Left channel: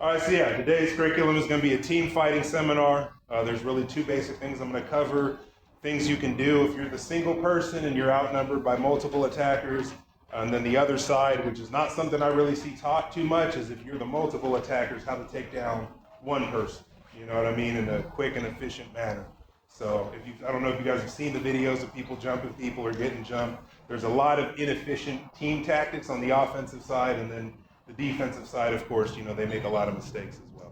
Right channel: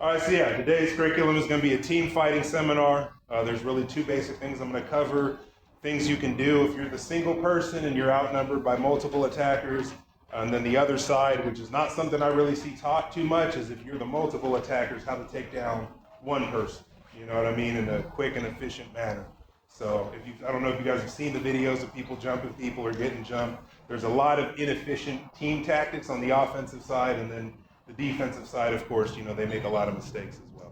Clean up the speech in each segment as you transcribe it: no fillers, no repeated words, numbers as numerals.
All right, so yeah, today's curriculum is going to be a team fighting seminar. There's really two basic things I'm going to cover. Things you can do if you're the single person and you're outnumbered by multiple attackers. And then the other side, which is not something I really see taught too much, is if you're the multiple attackers, how to take down one person. You know what I mean? In a quick and efficient manner. So I don't know if you guys have seen the videos of people jumping people or getting jumped. There's a lot of inefficient team tactics on the offensive side, and then the defensive side, of course, they make a lot of mistakes as well.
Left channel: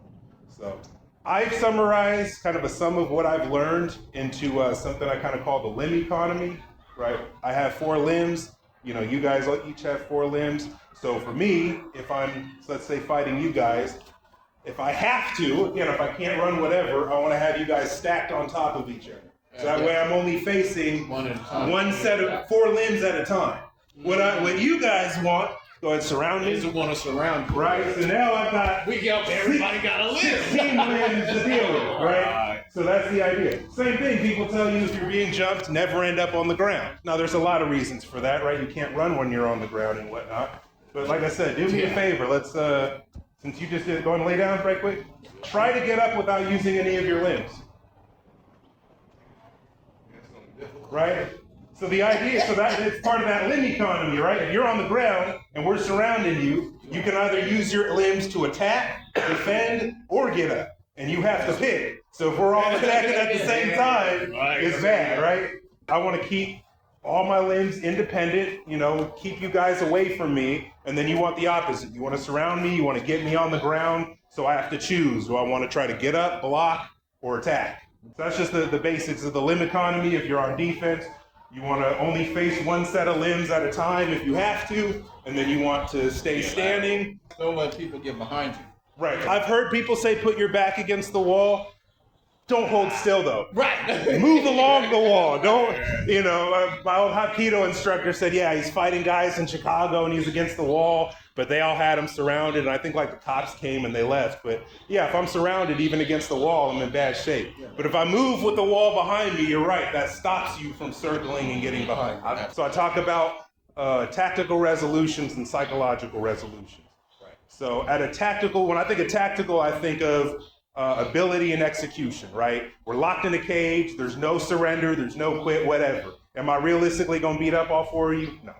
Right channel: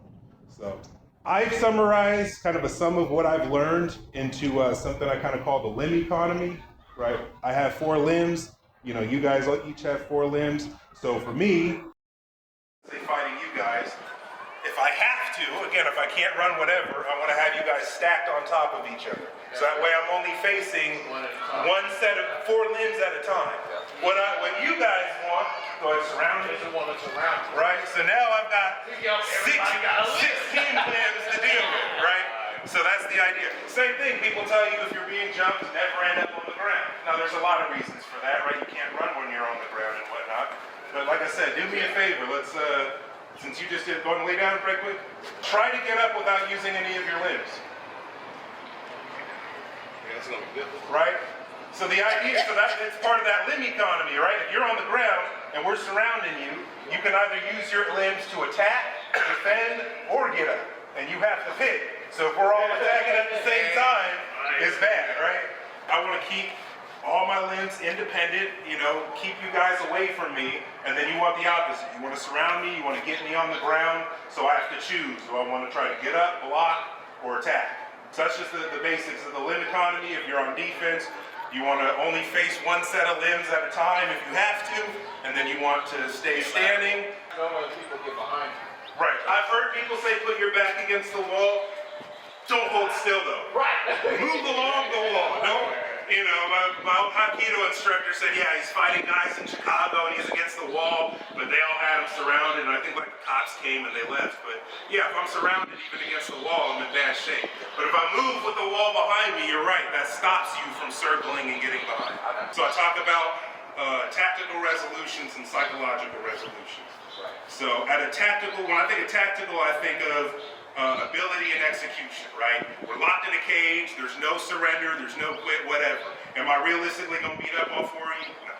So I've summarized kind of a sum of what I've learned into something I kind of call the limb economy, right? I have 4 limbs. You guys each have 4 limbs. So for me, if I'm, let's say, fighting you guys, if I have to, again, if I can't run whatever, I want to have you guys stacked on top of each other. So that way I'm only facing one set of 4 limbs at a time. What you guys want, go ahead, surround me. Doesn't want to surround you. Right, so now I've got, everybody got a limb. 16 limbs to deal with, right? So that's the idea. Same thing, people tell you if you're being jumped, never end up on the ground. Now there's a lot of reasons for that, right? You can't run when you're on the ground and whatnot. But like I said, do me a favor, let's, since you just did, go and lay down right quick. Try to get up without using any of your limbs. Right? So the idea, so that it's part of that limb economy, right? If you're on the ground and we're surrounding you, you can either use your limbs to attack, defend, or get up. And you have to pick. So if we're all attacking at the same time, it's bad, right? I want to keep all my limbs independent, keep you guys away from me, and then you want the opposite. You want to surround me, you want to get me on the ground, so I have to choose. Do I want to try to get up, block, or attack? So that's just the basics of the limb economy. If you're on defense, you want to only face one set of limbs at a time if you have to, and then you want to stay standing. Don't let people get behind you. Right. I've heard people say put your back against the wall. Don't hold still though. Right. Move along the wall. Don't, my old Hapkido instructor said, yeah, he's fighting guys in Chicago and he's against the wall, but they all had him surrounded, and I think like the cops came and they left. But yeah, if I'm surrounded even against the wall, I'm in bad shape. But if I move with the wall behind me, you're right, that stops you from circling and getting behind. So I talk about tactical resolutions and psychological resolutions. So when I think of tactical, I think of ability and execution, right? We're locked in a cage, there's no surrender, there's no quit, whatever. Am I realistically gonna beat up all 4 of you? No.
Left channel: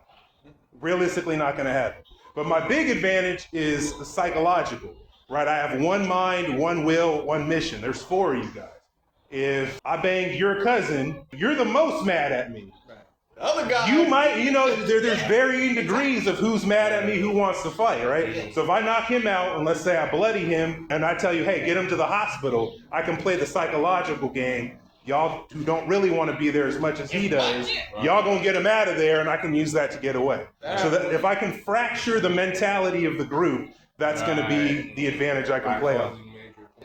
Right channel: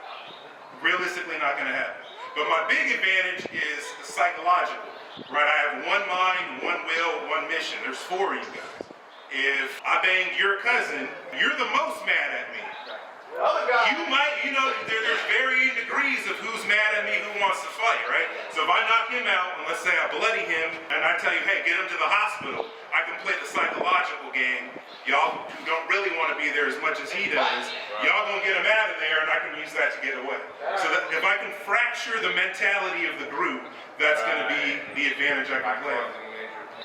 Realistically not gonna happen. But my big advantage is the psychological, right? I have one mind, one will, one mission. There's 4 of you guys. If I banged your cousin, you're the most mad at me. Other guy. You might, there's varying degrees of who's mad at me, who wants to fight, right? So if I knock him out, and let's say I bloody him, and I tell you, hey, get him to the hospital, I can play the psychological game. Y'all who don't really want to be there as much as he does, y'all gonna get him out of there, and I can use that to get away. So that if I can fracture the mentality of the group, that's gonna be the advantage I can play on.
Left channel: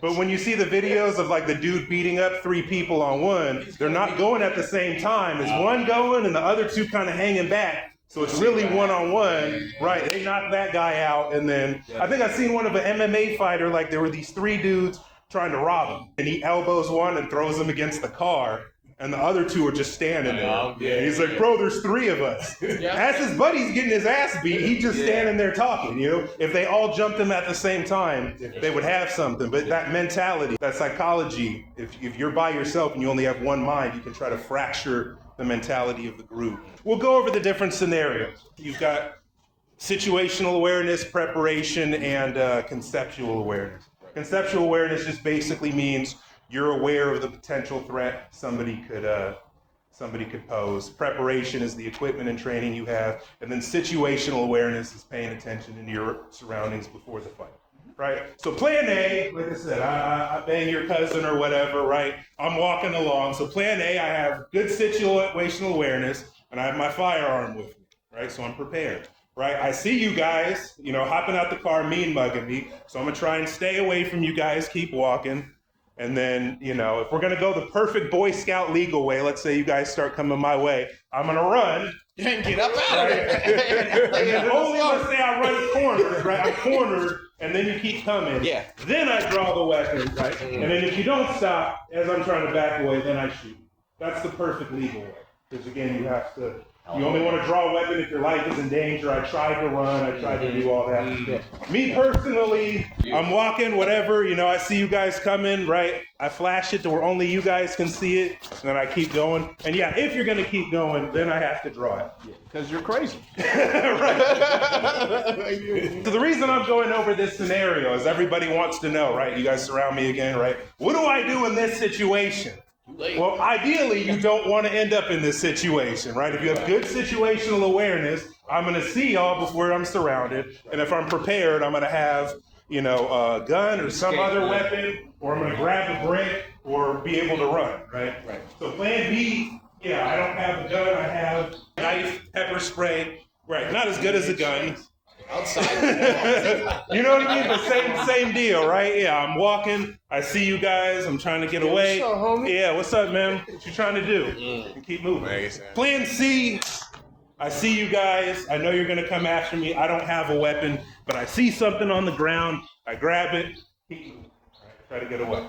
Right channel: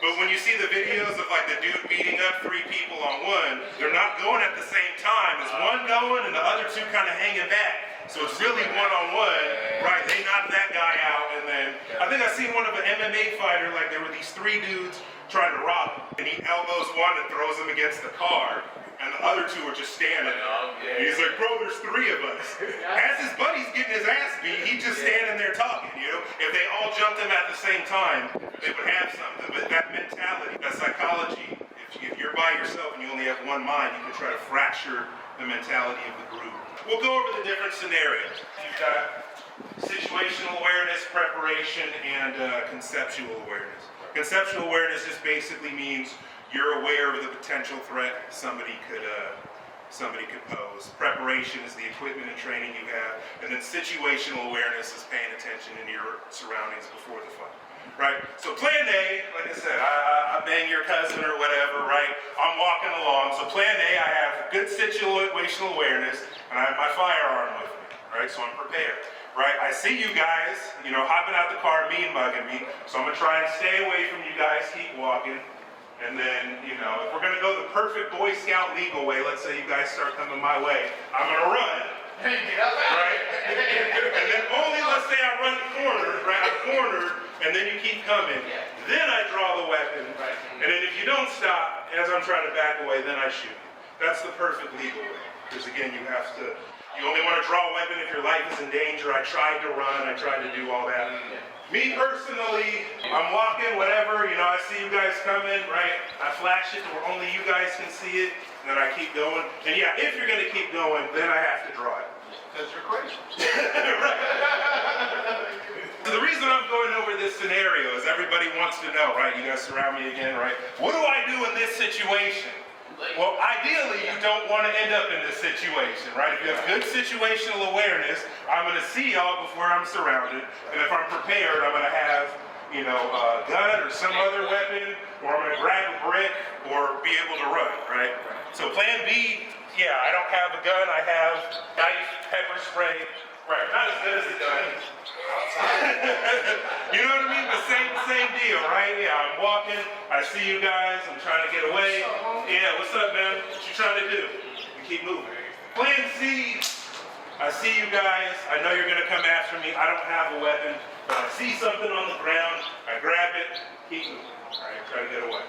But when you see the videos of like the dude beating up 3 people on one, they're not going at the same time. It's one going and the other 2 kind of hanging back. So it's really one-on-one, right? They knock that guy out, and then I think I seen one of an MMA fighter, like there were these 3 dudes trying to rob him. And he elbows one and throws him against the car, and the other 2 are just standing there. And he's like, bro, there's 3 of us. As his buddy's getting his ass beat, he's just standing there talking, If they all jumped him at the same time, they would have something. But that mentality, that psychology, if you're by yourself and you only have one mind, you can try to fracture the mentality of the group. We'll go over the different scenarios. You've got situational awareness, preparation, and conceptual awareness. Conceptual awareness just basically means you're aware of the potential threat somebody could pose. Preparation is the equipment and training you have, and then situational awareness is paying attention in your surroundings before the fight, right? So plan A, like I said, I bang your cousin or whatever, right? I'm walking along. So plan A, I have good situational awareness, and I have my firearm with me, right? So I'm prepared. Right, I see you guys, hopping out the car, mean mugging me. So I'm gonna try and stay away from you guys, keep walking. And then, if we're gonna go the perfect Boy Scout legal way, let's say you guys start coming my way, I'm gonna run. And get up out of it. And then only let's say I run cornered, right? I'm cornered, and then you keep coming. Yeah. Then I draw the weapon, right? And then if you don't stop, as I'm trying to back away, then I shoot. That's the perfect legal way. Because again, you have to You only want to draw a weapon if your life is in danger. I tried to run. I tried to do all that. Me personally, I'm walking, whatever. You know, I see you guys coming, right? I flash it to where only you guys can see it, and then I keep going. And yeah, if you're going to keep going, then I have to draw it. Because you're crazy. So the reason I'm going over this scenario is everybody wants to know, right? You guys surround me again, right? What do I do in this situation? Well, ideally, you don't want to end up in this situation, right? If you have good situational awareness, I'm going to see y'all before I'm surrounded. And if I'm prepared, I'm going to have, you know, a gun or some other weapon, or I'm going to grab a brick or be able to run, right? So plan B, yeah, I don't have a gun. I have knife, pepper spray. Right, not as good as a gun. You know what I mean? But same deal, right? Yeah, I'm walking. I see you guys. I'm trying to get away. What's up, homie? Yeah, what's up, man? What you trying to do? You keep moving. Plan C. I see you guys. I know you're gonna come after me. I don't have a weapon, but I see something on the ground. I grab it. Keep moving. All right, try to get away.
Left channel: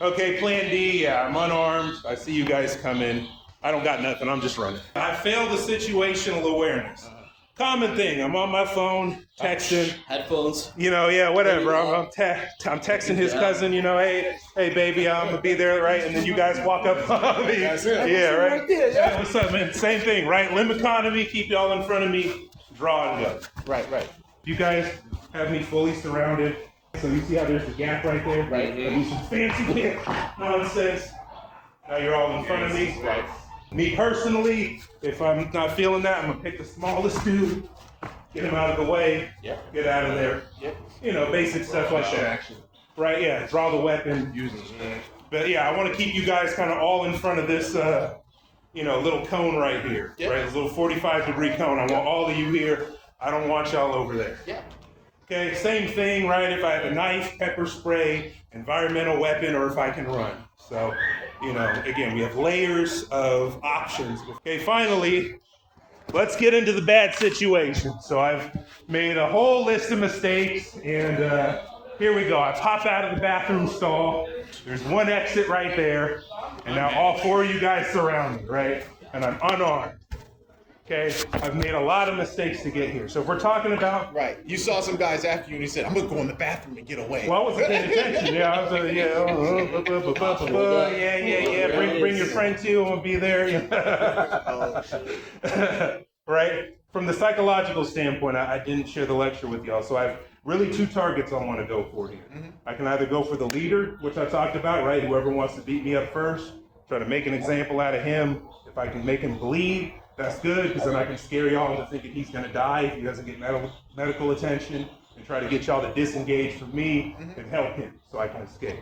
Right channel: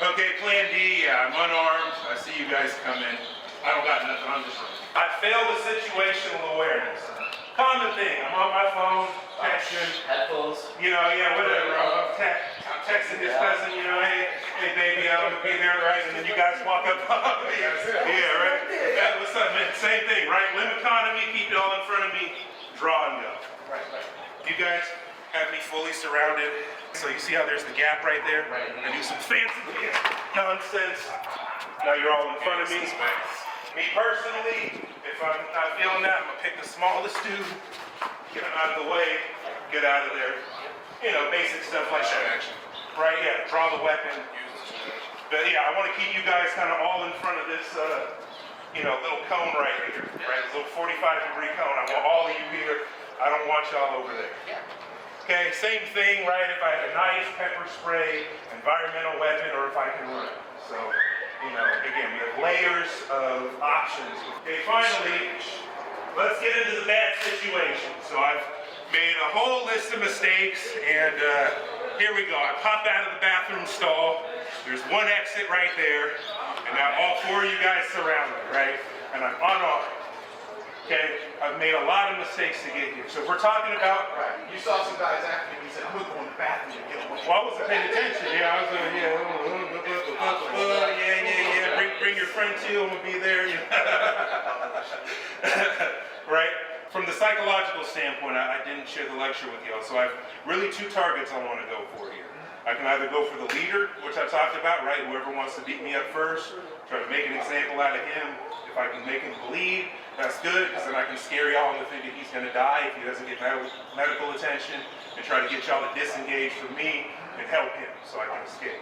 Okay, plan D. Yeah, I'm unarmed. I see you guys come in. I don't got nothing. I'm just running. I failed the situational awareness. Common thing. I'm on my phone, texting. Headphones. You know, yeah, whatever. I'm texting his cousin. You know, hey, baby, I'm gonna be there, right? And then you guys walk up on me. Yeah, right. Yeah, what's up, man? Same thing, right? Limb economy. Keep y'all in front of me. Draw and go. Right. You guys have me fully surrounded. So you see how there's the gap right there? Right. I do some fancy nonsense. Now you're all in front of me. Me personally, if I'm not feeling that, I'm gonna pick the smallest dude, get him out of the way, get out of there. You know, basic stuff like that. Right, yeah, draw the weapon. But yeah, I wanna keep you guys kind of all in front of this, you know, little cone right here, right? This little 45-degree cone. I want all of you here. I don't want y'all over there. Okay, same thing, right? If I have a knife, pepper spray, environmental weapon, or if I can run. So, you know, again, we have layers of options. Okay, finally, let's get into the bad situation. So I've made a whole list of mistakes, and here we go. I pop out of the bathroom stall. There's one exit right there, and now all four of you guys surround me, right? And I'm unarmed. Okay, I've made a lot of mistakes to get here. So if we're talking about... Right. You saw some guys after you and he said, I'm going to go in the bathroom to get away. Well, I wasn't paying attention. Yeah, I was bring your friend too, and we'll be there. Right? From the psychological standpoint, I didn't share the lecture with y'all. So I have really two targets I want to go for here. I can either go for the leader, which I talked about, right? Whoever wants to beat me up first, try to make an example out of him. If I can make him bleed, that's good, because then I can scare y'all into thinking he's gonna die if he doesn't get medical attention, and try to get y'all to disengage from me and help him so I can escape.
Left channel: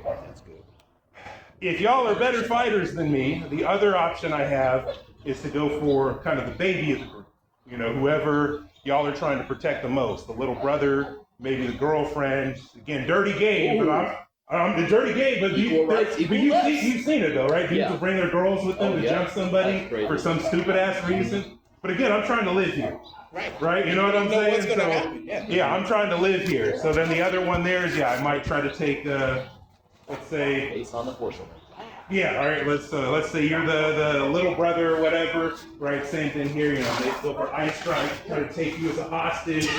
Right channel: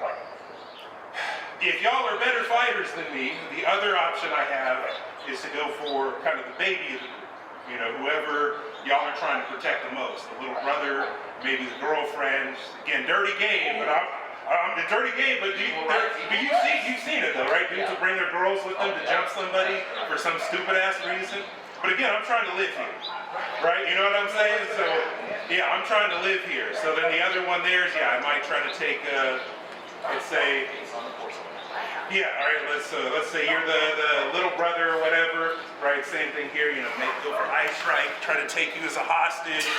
If y'all are better fighters than me, the other option I have is to go for kind of the baby of the group. You know, whoever y'all are trying to protect the most, the little brother, maybe the girlfriend. Again, dirty game, but I'm the dirty game, but you've seen it though, right? Dudes will bring their girls with them to jump somebody for some stupid ass reason. But again, I'm trying to live here, right? You know what I'm saying? So yeah, I'm trying to live here. So then the other one there is, yeah, I might try to take, let's say, yeah, all right. Let's say you're the little brother or whatever, right? Same thing here. You know, maybe go for ice strike, try to take you as a hostage.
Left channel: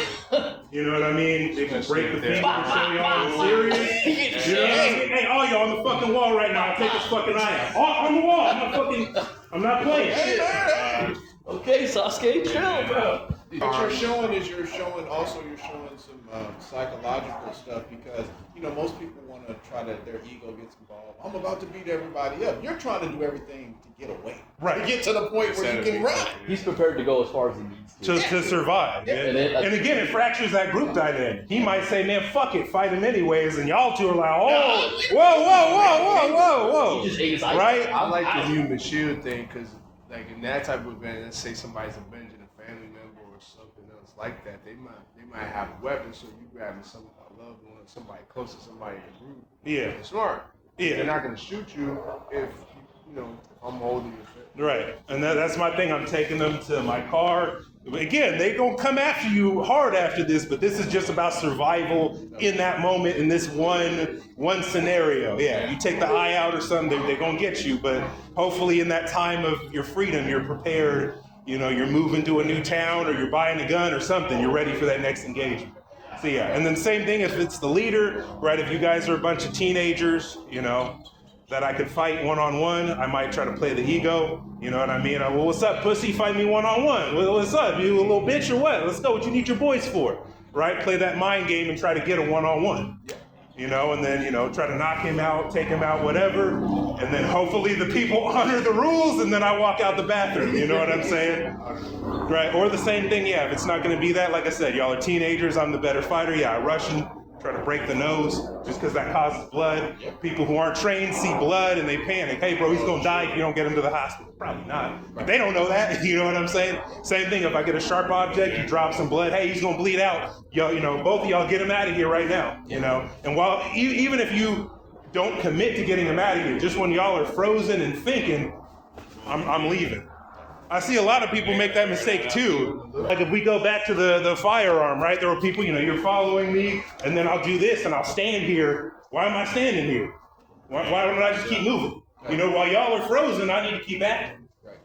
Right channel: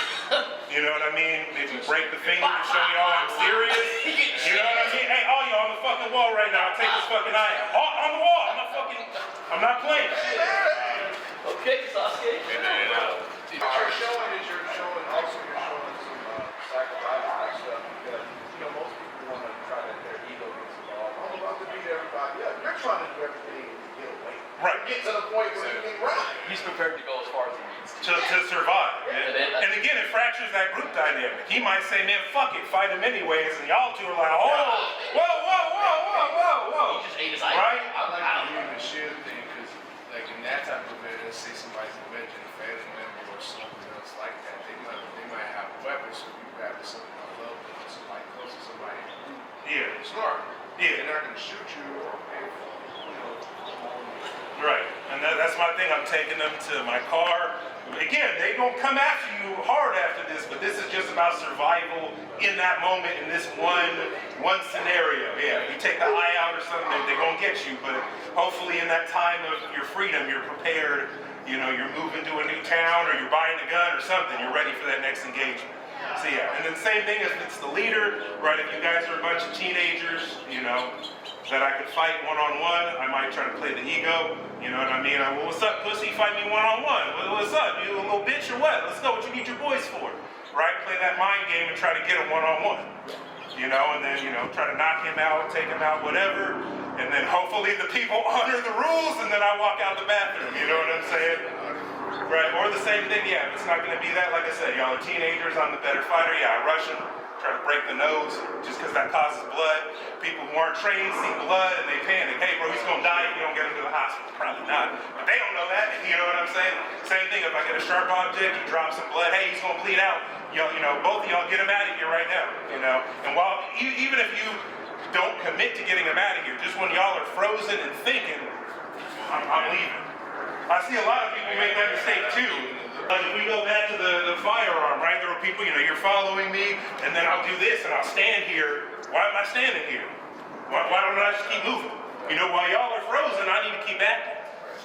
You know what I mean? Maybe break the finger to show y'all I'm serious. You know what I mean? Hey, all y'all on the fucking wall right now. Take this fucking eye out. On the wall. I'm not playing. Okay, Sasuke, chill, bro. What you're showing some psychological stuff, because you know most people want to try to their ego gets involved. I'm about to beat everybody up. You're trying to do everything to get away. Right. To get to the point where you can run. He's prepared to go as far as he needs To survive, man. And again, it fractures that group dynamic. He might say, man, fuck it, fight him anyways, and y'all two are like, oh, whoa. He just ate his ice. Right? I like the human shield thing, because like in that type of event, let's say somebody's avenging a family member or something else like that, they might have a weapon, so you grab somebody close to somebody in the group. Yeah. Smart. Yeah. They're not gonna shoot you if I'm holding you. Right, and that's my thing. I'm taking them to my car. Again, they gonna come after you hard after this, but this is just about survival in that moment, in this one scenario. Yeah, you take the eye out or something, they're gonna get you, but hopefully in that time of your freedom, you're prepared you know, you're moving to a new town or you're buying a gun or something, you're ready for that next engagement. So yeah, and then same thing if it's the leader, right? If you guys are a bunch of teenagers, you know, that I could fight one-on-one, I might try to play the ego, you know what I mean? Well, what's up, pussy? Fight me one-on-one. Well, what's up? You a little bitch or what? Let's go. What you need your boys for? Right? Play that mind game and try to get a one-on-one. You know, and then, you know, try to knock him out, take him out, whatever. And then hopefully the people honor the rules and then I walk out the bathroom. You know what I'm saying? Right? Or the same thing, yeah, if it's not going to be that, like I said, y'all are teenagers, I'm the better fighter. Yeah, I rush him, try to break the nose just because that causes blood. People who aren't trained see blood and they panic. Hey, bro, he's going to die if you don't get him to the hospital. Probably not. But they don't know that. You know what I'm saying? Same thing, if I get a sharp object, you drop some blood. Hey, he's going to bleed out. Y'all, you know, both of y'all get him out of here right now. You know? And while, even if you don't commit to getting him out of here, just when y'all are frozen and thinking, I'm leaving. I see a lot of people make that mistake too. Like if we go back to the firearm, right? There were people, you know, you're following me, and then I'll do this, and I'll stand here. Why am I standing here? Why don't I just keep moving? You know, while y'all are frozen, I need to keep acting.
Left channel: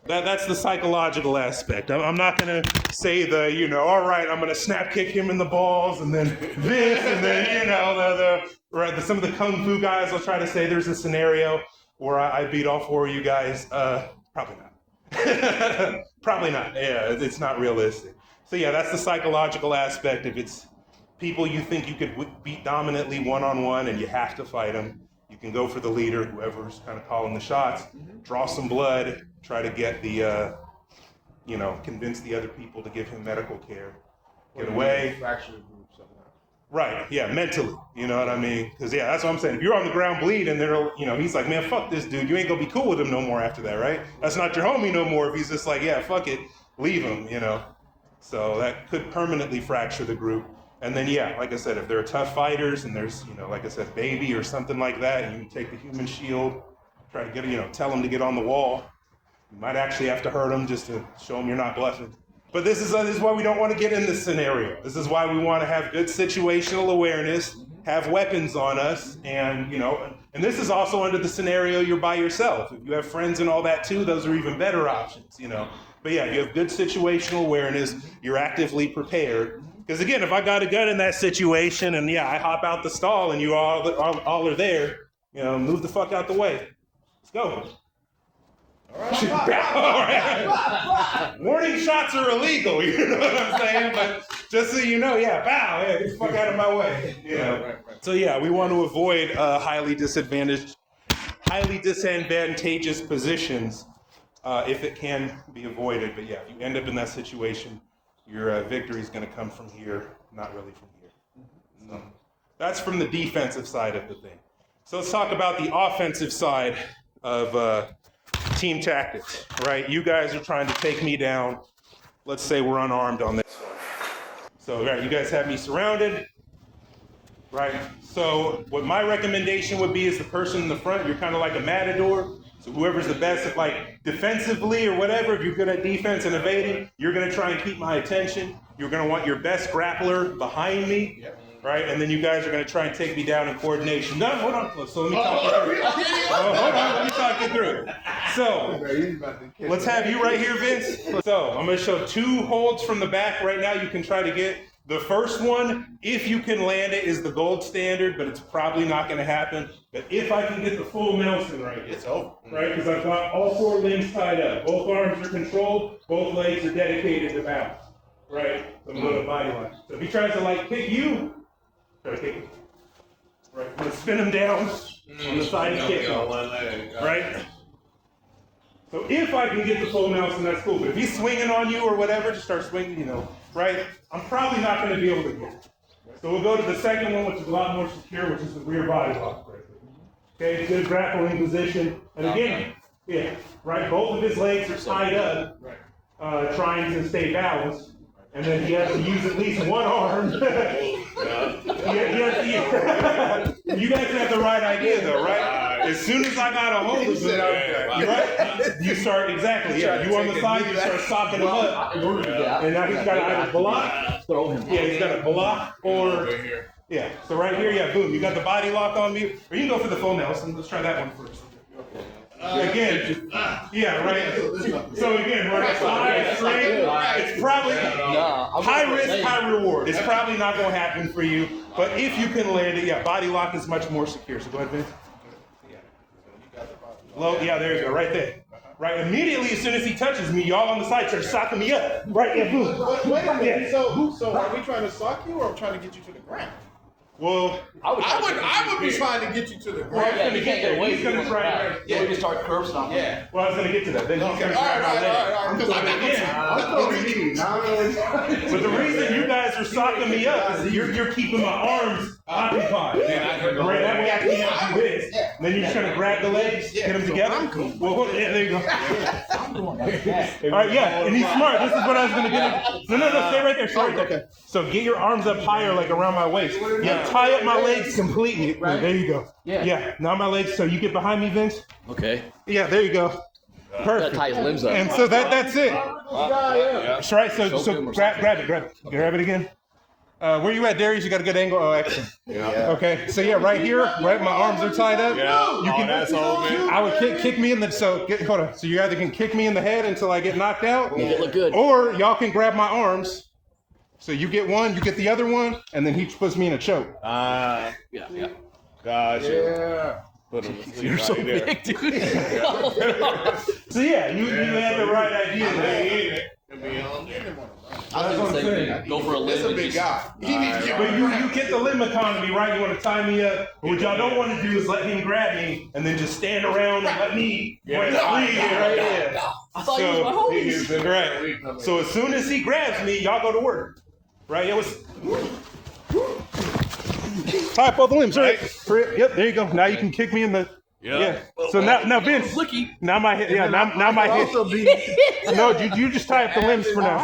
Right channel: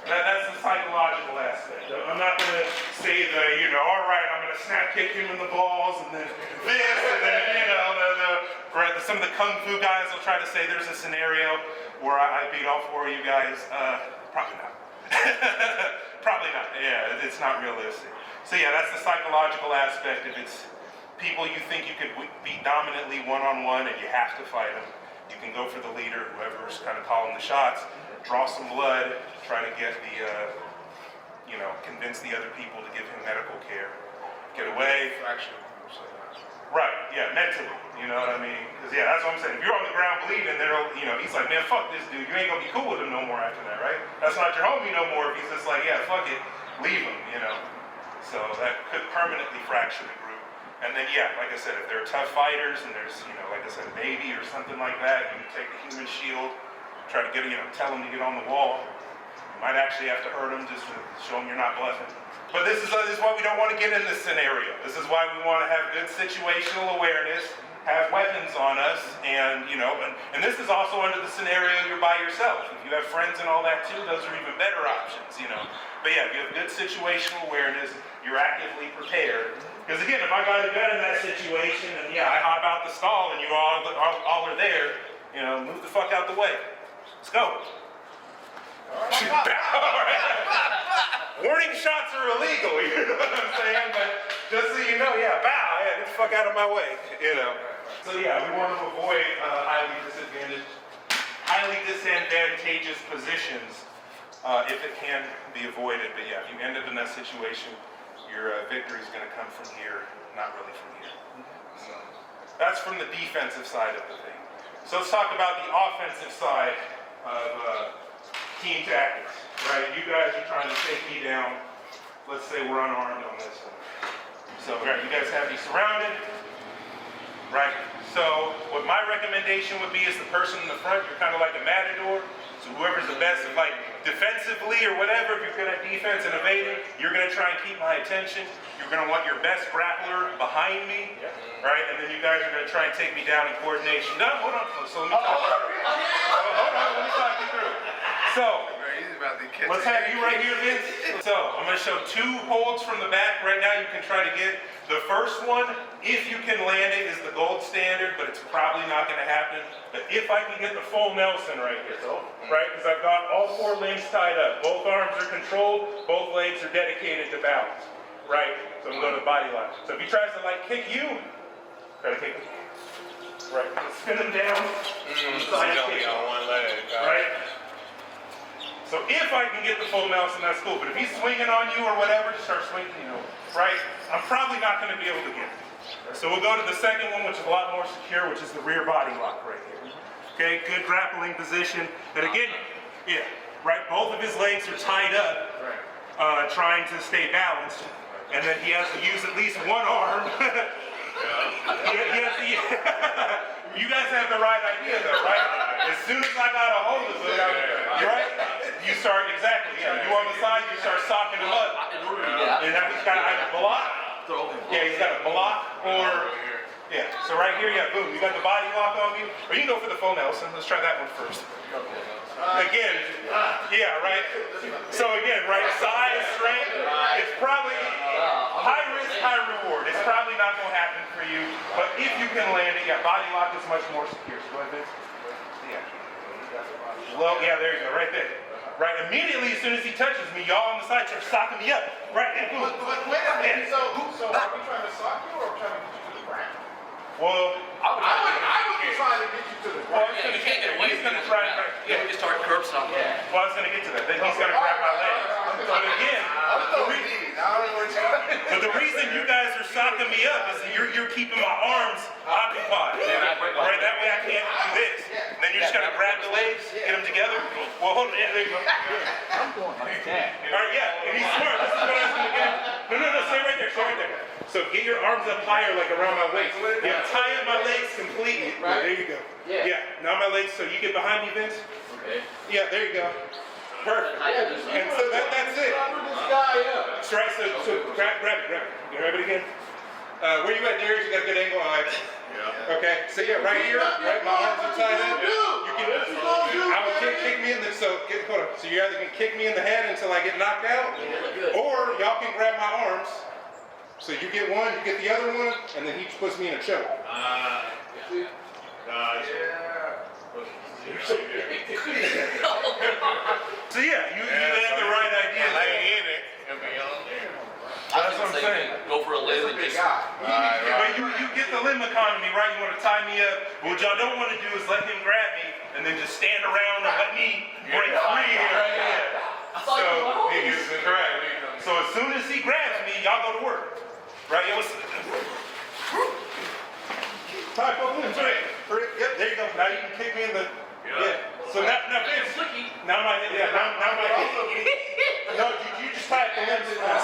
That's the psychological aspect. I'm not going to say the, you know, all right, I'm going to snap kick him in the balls, and then this, and then, you know, some of the kung fu guys will try to say there's a scenario where I beat all four of you guys. Probably not. Probably not. Yeah, it's not realistic. So yeah, that's the psychological aspect. If it's people you think you could beat dominantly one-on-one and you have to fight them, you can go for the leader, whoever's kind of calling the shots, draw some blood, try to get the, you know, convince the other people to give him medical care, get away. Right, yeah, mentally, you know what I mean? Because, yeah, that's what I'm saying. If you're on the ground bleeding, you know, he's like, man, fuck this dude. You ain't gonna be cool with him no more after that, right? That's not your homie no more if he's just like, yeah, fuck it, leave him, you know? So that could permanently fracture the group. And then, yeah, like I said, if they're tough fighters and there's, you know, like I said, a baby or something like that, and you take the human shield, try to get, you know, tell him to get on the wall. You might actually have to hurt him just to show him you're not bluffing. But this is why we don't want to get in this scenario. This is why we want to have good situational awareness, have weapons on us, and, you know, and this is also under the scenario you're by yourself. If you have friends and all that too, those are even better options, you know. But yeah, if you have good situational awareness, you're actively prepared. Because again, if I got a gun in that situation and yeah, I hop out the stall and you all are there, you know, move the fuck out the way. Let's go. All right. Warning shots are illegal, you know what I'm saying? But just so you know, yeah, bow, yeah, get the fuck out of my way, you know. So yeah, we want to avoid highly disadvantageous positions if it can be avoided. But yeah, if you end up in that situation, your victory is going to come from here, not really from here. So that's from the defensive side of the thing. So let's talk about the offensive side of team tactics, right? You guys are trying to take me down. Let's say we're unarmed on this one. So, right, you guys have me surrounded, right? So, what my recommendation would be is the person in the front, you're kind of like a matador. So whoever's the best at like defensively or whatever, if you're good at defense and evading, you're gonna try and keep my attention. You're gonna want your best grappler behind me, right? And then you guys are gonna try and take me down in coordination. No, hold on. So let me talk you through. Hold on, let me talk you through. So, let's have you right here, Vince. So, I'm gonna show 2 holds from the back right now you can try to get. The first one, if you can land it, is the gold standard, but it's probably not gonna happen. But if I can get the full Nelson right here, right? Because I've got all 4 limbs tied up. Both arms are controlled, both legs are dedicated to balance, right? So I'm going to the body line. So if he tries to like kick you, try to kick him. Right, I'm gonna spin him down on the side and kick him, right? So if I can get the full Nelson, that's cool. But if he's swinging on you or whatever, just start swinging, you know, right? I'm probably not going to be able to get it. So we'll go to the second one, which is a lot more secure, which is the rear body lock right here. Okay, good grappling position. And again, yeah, right, both of his legs are tied up, trying to stay balanced. And then he has to use at least one arm. You guys have the right idea though, right? As soon as I got a hold of him, right? You start, exactly, yeah. You on the side, you start socking him up. And now he's got to either block, yeah, he's got to block or, yeah. So right here, yeah, boom, you got the body lock on me. Or you can go for the full Nelson. Let's try that one first. Again, yeah, right. So again, right, side strength, it's probably high risk, high reward. It's probably not gonna happen for you, but if you can land it, yeah, body lock is much more secure. So go ahead, Vince. Well, yeah, there you go, right there. Right, immediately as soon as he touches me, y'all on the side start socking me up. Right there, boom. Wait a minute. Yeah. So are we trying to sock you or trying to get you to the ground? Well, I would be trying to get you to the well, ground. he's gonna get there. He's gonna try to. Yeah, we can start curb stomping. Yeah. Well, I was gonna get to that. Then he's gonna grab my leg. But again, but the reason you guys are socking me up is that you're keeping my arms occupied. Right, that way I can't do this. And then you're just gonna grab the legs, get them together. Well, hold on. Yeah, there you go. All right, yeah, and he's smart. This is what I was gonna get into. No, stay right there, stay right there. So get your arms up higher, like around my waist. Yeah, tie up my legs completely. Yeah, there you go. Yeah, now my legs. So you get behind me, Vince. Okay. Yeah, there you go. Perfect. That ties limbs up. And so that's it. That's right. So grab it again. Where you at, Darius? You got a good angle. Oh, excellent. Okay. So yeah, right here, right. My arms are tied up. You can. I would kick me in the. So hold on. So you either can kick me in the head until I get knocked out, Make it look good. or y'all can grab my arms. So you get one, you get the other one, and then he puts me in a choke. Yeah. Yeah. You're so big, dude. So yeah, you had the right idea there. I was what I'm gonna say, saying. go for a limb That's a and big just. guy. But you get the limb economy, right? You want to tie me up. But what y'all don't want to do is let him grab me and then just stand around and let me break free here. I thought you was my homies. Correct. So as soon as he grabs me, y'all go to work. Right? It was tie up both limbs, right? Yep, there you go. Now you can kick me in the. Yeah. So now Vince. Flicky. Now my head. Yeah. Now my head. No, you just tie up the limbs for now.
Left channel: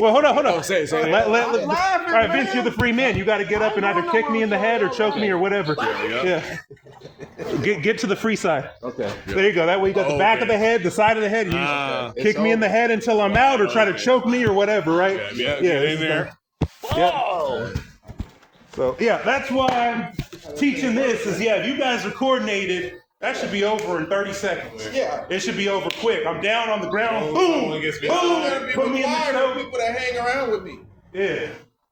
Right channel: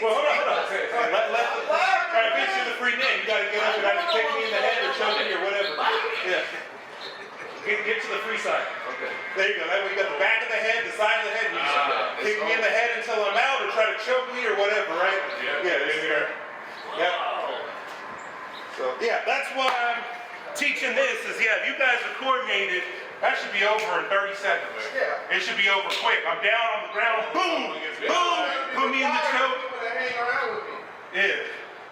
Well, hold on. Say. All right, Vince, you're the free man. You got to get up and either kick me in the head or choke me or whatever. Yeah. Get to the free side. Okay. There you go. That way you got the back of the head, the side of the head. You just kick me in the head until I'm out, or try to choke me or whatever, right? Yeah. In there. Yeah. So yeah, that's why I'm teaching this. Is if you guys are coordinated, that should be over in 30 seconds. Yeah. It should be over quick. I'm down on the ground. Boom. Boom. Put me in the choke. People that hang around with me. Yeah.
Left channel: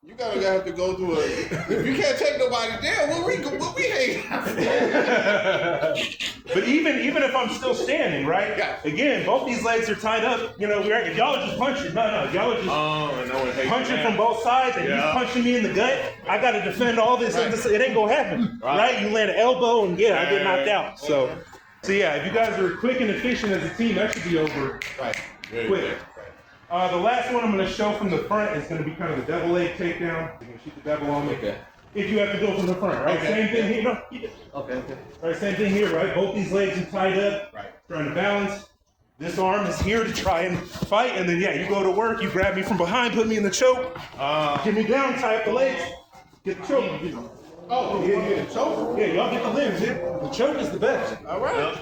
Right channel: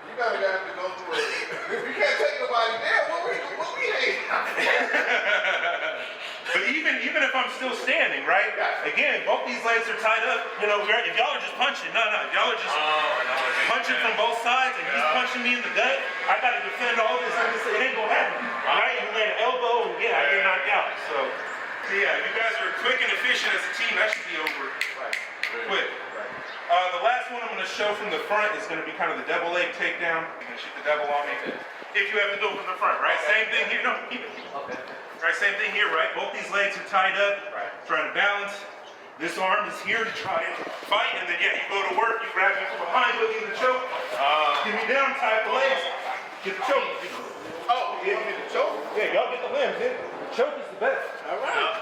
You gotta have to go through if you can't take nobody down, what we hang out? But even if I'm still standing, right? Again, both these legs are tied up. You know, right? If y'all are just punching, if y'all are just punching from both sides and he's punching me in the gut, I gotta defend all this. And this, it ain't gonna happen, right? You land an elbow and I get knocked out. So yeah, if you guys are quick and efficient as a team, that should be over quick. The last one I'm going to show from the front is going to be kind of the double leg takedown. You're going to shoot the double on me. Okay. If you have to do it from the front, right? Same thing here. No, keep it. Okay. Right, same thing here, right? Both these legs are tied up. Trying to balance. This arm is here to try and fight, and then you go to work. You grab me from behind, put me in the choke, get me down, tie up the legs, get the choke. Oh, you get the choke? Yeah, y'all get the limbs. The choke is the best. All right.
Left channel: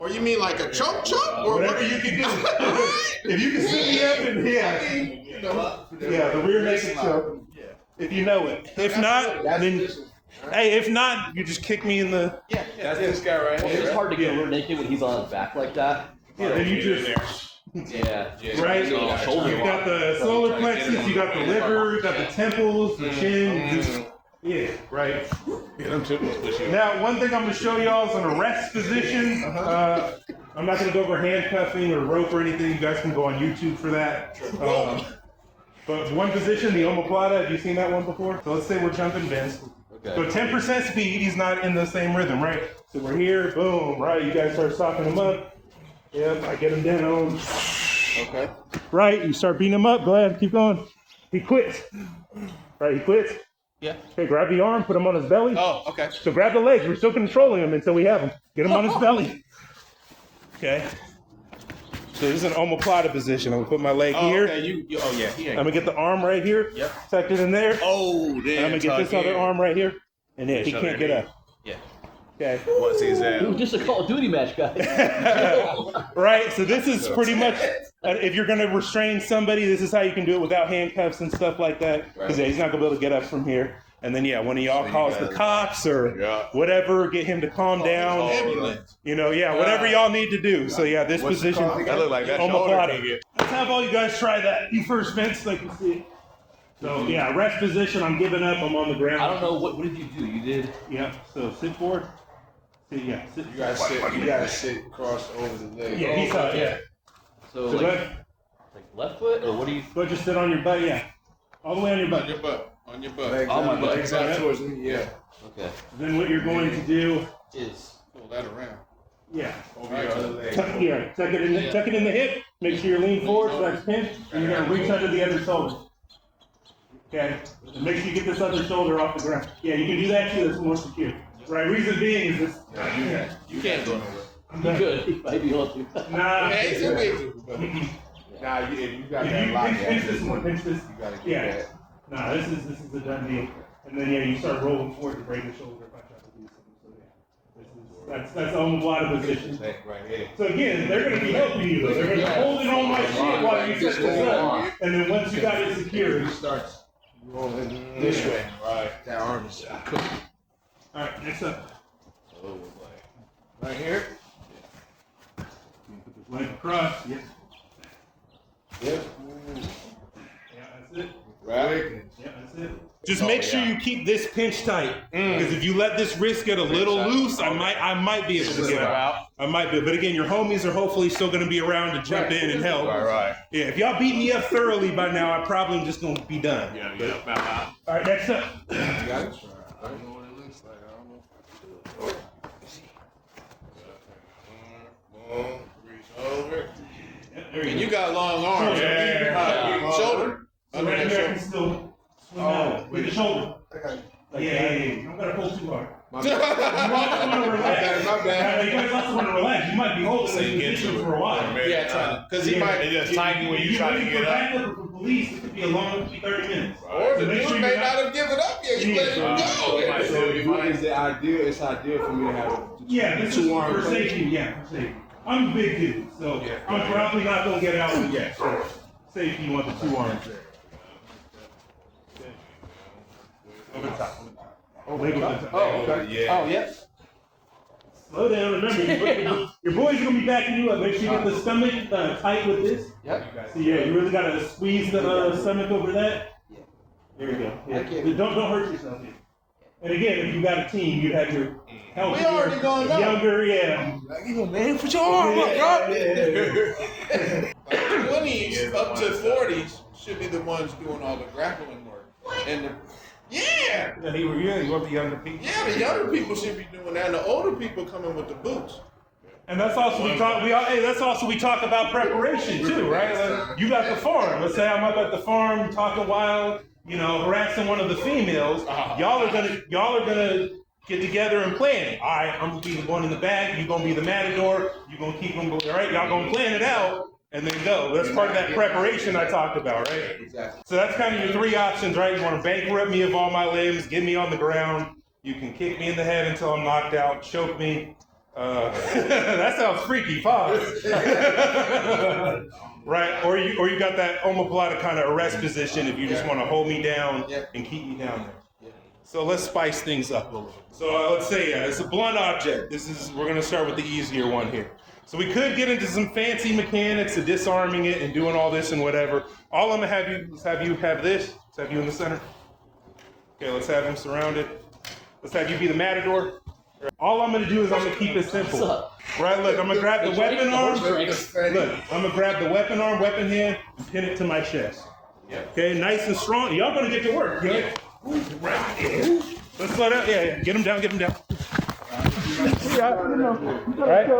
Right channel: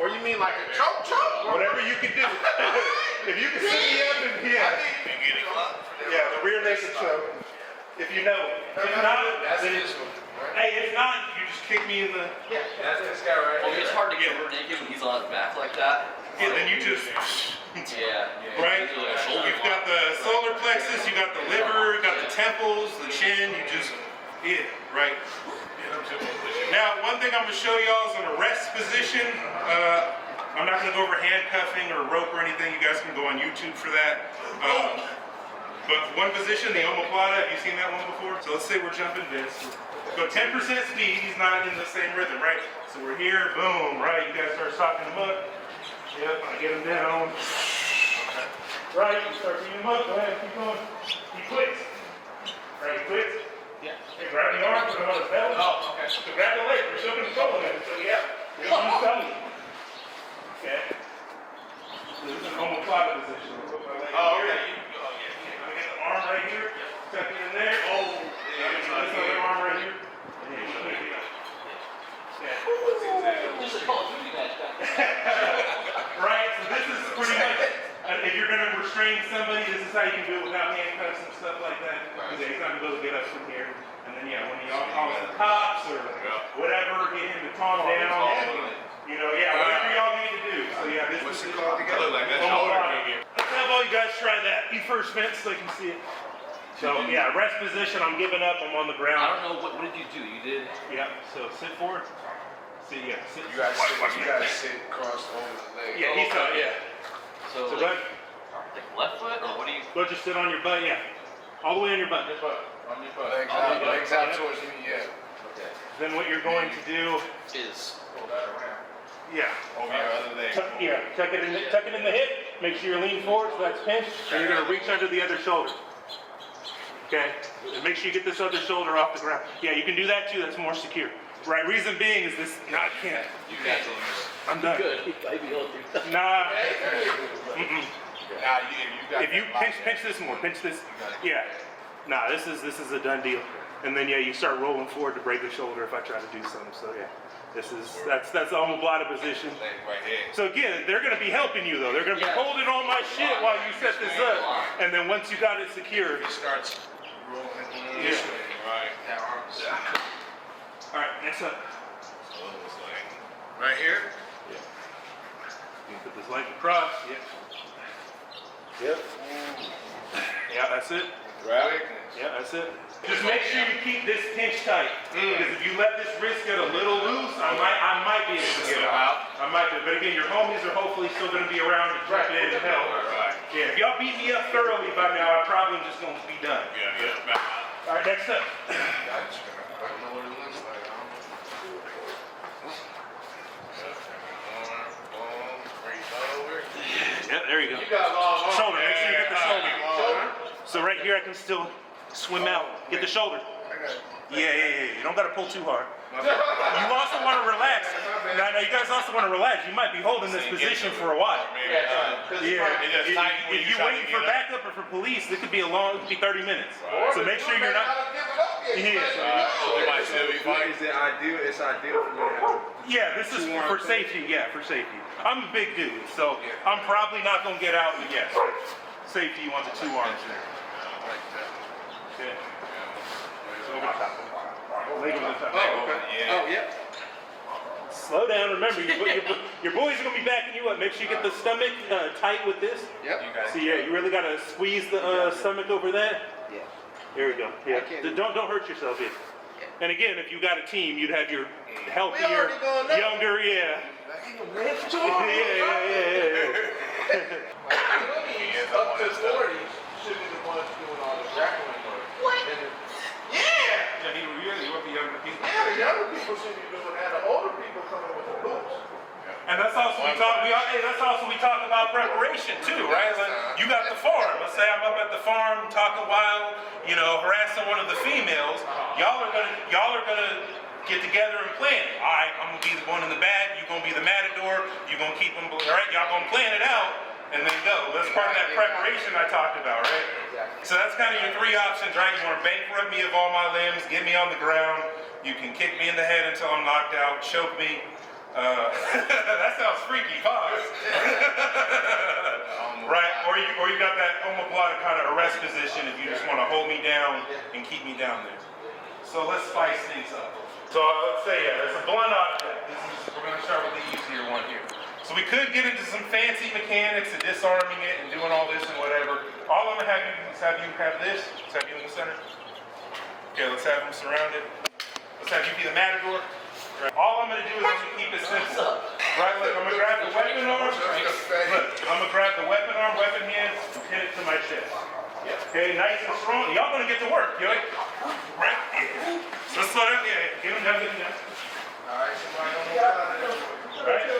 Or you mean like a choke? Or whatever you can do. If you can sit me up and the rear naked choke. If you know it. If not, if not, you just kick me in the. That's this guy right Well, here. it's hard to get rear naked when he's on his back like that. Yeah, then you just. Yeah. Right? You've got the solar plexus, you got the liver, you got the temples, the chin, you just. Right. Now, one thing I'm going to show y'all is an arrest position. I'm not going to go over handcuffing or rope or anything. You guys can go on YouTube for that. But one position, the omoplata, have you seen that one before? So let's say we're jumping Vince. So 10% speed, he's not in the same rhythm, right? So we're here, boom, right? You guys start stalking him up. Yep, I get him down. Okay. Right, you start beating him up. Go ahead, keep going. He quits. Right, he quits. Yeah. Okay, grab the arm, put him on his belly. Oh, okay. So grab the leg. We're still controlling him until we have him. Get him on his belly. Okay. So this is an omoplata position. I'm gonna put my leg here. Okay. I'm gonna get the arm right here. Yep. Tuck it in there. Oh, I'm gonna get this other arm right here. And he can't get up. Yeah. Okay. What's his Dude, just a Call of Duty match, guys. Right. So this is pretty much. If you're gonna restrain somebody, this is how you can do it without handcuffs and stuff like that. Because he's not gonna be able to get up from here. And then yeah, one of y'all calls the cops or whatever, get him to calm down. You know, yeah, whatever y'all need to do. So yeah, this position. I look like that Omoplata. Let's have all you guys try that. You first, Vince, like you see it. So yeah, rest position. I'm giving up. I'm on the ground. I don't know what did you do? You did. Yeah. So sit forward. See, yeah. Sit. You gotta sit crossed over the leg. Yeah, he's out. Yeah. So So like, then, left foot or what do you? go just sit on your butt. Yeah. All the way on your butt. On your butt. On your butt. Legs Oh, out, my legs out God. towards me, yeah. Okay. Then what you're going to do? Is Hold that around. Yeah. Over your other leg. Tuck it in the hip. Make sure you lean forward so that's pinched. And you're gonna reach under the other shoulder. Okay. And make sure you get this other shoulder off the ground. Yeah, you can do that too. That's more secure. Right. Reason being is this. you can't do this. I'm You done. good. I'd be able to. Nah. Now, if you got If that you lock, pinch this more, pinch this. you gotta get Yeah. that. Nah, this is a done deal. And then yeah, you start rolling forward to break the shoulder if I try to do something. So yeah, that's the omoplata position. Leg right here. So again, they're gonna be helping you though. They're gonna be holding all my shit while you set this up. And then once you got it secure, He starts rolling this way. Right. That arm is all right, next up. so it's like right here. You put this leg across. Yep. Yeah, that's it. Right. Yeah, that's it. Just make sure you keep this pinch tight, because if you let this wrist get a little loose, I might be able to get out. I might be, but again, your homies are hopefully still going to be around to jump in and help. Right. Yeah, if y'all beat me up thoroughly by now, I'm probably just going to be done. Yeah. All right, next up. I don't know what it looks like. Boom, reach over. Yeah, there you go. You got long arms. Shoulder. Yeah. Shoulder. So right here, I can still swim out. Get the shoulder. Yeah. You don't got to pull too hard. You also want to relax. My bad. You guys also want to relax. You might be holding this position for a while. Yeah, because he might. If you're waiting for backup or for police, it could be a long, 30 minutes. Or So the make dude sure may you're not not. have given up yet. He's Yeah. like, Is it ideal? It's ideal for me to have. Yeah, this is for safety. Yeah, for safety. I'm a big dude, so I'm probably not gonna get out with yes. For safety, you want the two arms there. Leg over the top. Yeah. oh, yeah. Slow down. Remember, your boys are gonna be backing you up. Make sure you get the stomach tight with this. Yep. So yeah, you really gotta squeeze the stomach over that. Yeah. There we go. Yeah. Okay. Don't hurt yourself here. And again, if you got a team, you'd have your healthier, already going now. younger, yeah. Hey, put your arm up, Yeah. Like 20s up to 40s should be the ones doing all the grappling work. What? Yeah, You want the younger people. yeah, the younger people should be doing that. The older people coming with the boots. And that's also we talk about preparation too, right? Like, you got the farm. Let's say I'm up at the farm talking wild, harassing one of the females. Y'all are gonna get together and plan it. All right, I'm gonna be the one in the back. You gonna be the matador. You gonna keep them. All right, y'all gonna plan it out and then go. That's part of that preparation I talked about, right? Exactly. So that's kind of your three options, right? You want to bankrupt me of all my limbs, get me on the ground. You can kick me in the head until I'm knocked out, choke me. That sounds freaky, pause. Right, or you got that omoplata kind of arrest position if you just want to hold me down and keep me down there. So let's spice things up a little bit. So let's see, it's a blunt object. We're gonna start with the easier one here. So we could get into some fancy mechanics of disarming it and doing all this and whatever. All I'm gonna have you is have you have this, let's have you in the center. Okay, let's have them surrounded. Let's have you be the matador. All I'm gonna do is I'm gonna keep it simple. Right, look, I'm gonna grab the weapon arm. Look, I'm gonna grab the weapon arm, weapon hand, and pin it to my chest. Okay, nice and strong. Y'all gonna get to work, right? Let's slow down. Yeah, get him down, get him down. Right?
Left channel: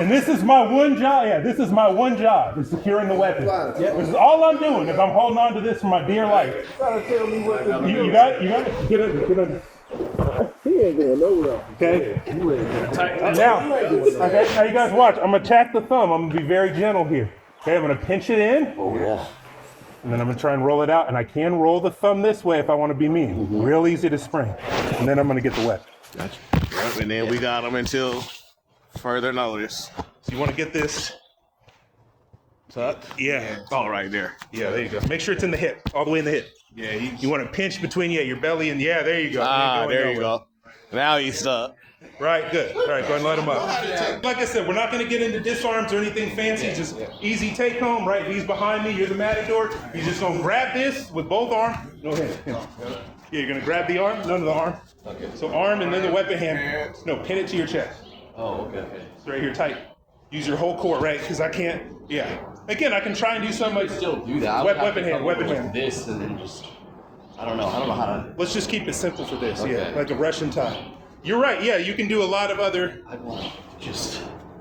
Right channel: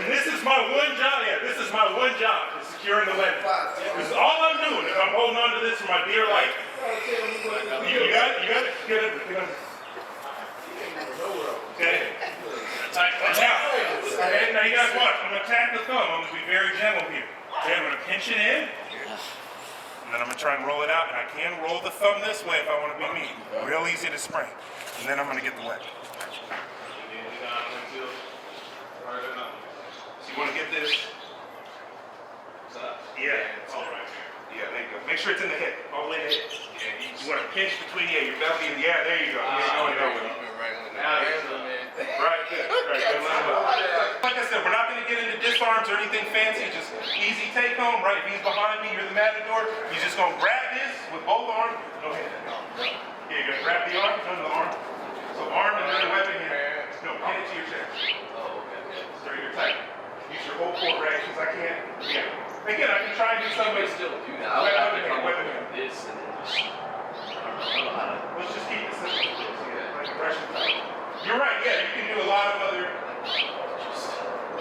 And this is my one job. Yeah, this is my one job, is securing the weapon. This is all I'm doing. If I'm holding on to this for my dear life. You got it? You got it? Get up. He ain't going nowhere. Okay. Now you guys watch. I'm gonna attack the thumb. I'm gonna be very gentle here. Okay, I'm gonna pinch it in. Oh yeah. And then I'm gonna try and roll it out. And I can roll the thumb this way if I want to be mean. Real easy to spring. And then I'm gonna get the weapon. Yep, and then we got him until further notice. So you want to get this Tuck. Yeah. Oh, right there. Yeah, there you go. Make sure it's in the hip, all the way in the hip. Yeah, he's You want to pinch between your belly and there you go. Ah, there you go. go. Now he's stuck. Right, good. Right, go ahead and let him up. Like I said, we're not going to get into disarms or anything fancy. Just easy take home, right? He's behind me. You're the matador. You just going to grab this with both arms. Go ahead. Yeah, you're going to grab the arm, none of the arm. So arm and then the weapon hand. No, pin it to your chest. Oh, okay. It's right here, tight. Use your whole core, right? Because I can't, Again, I can try and do something I like can still do that. Weapon hand. This and then just, I don't know how to. Let's just keep it simple for this, Okay. like a Russian tie. You're right, you can do a lot of other, Just.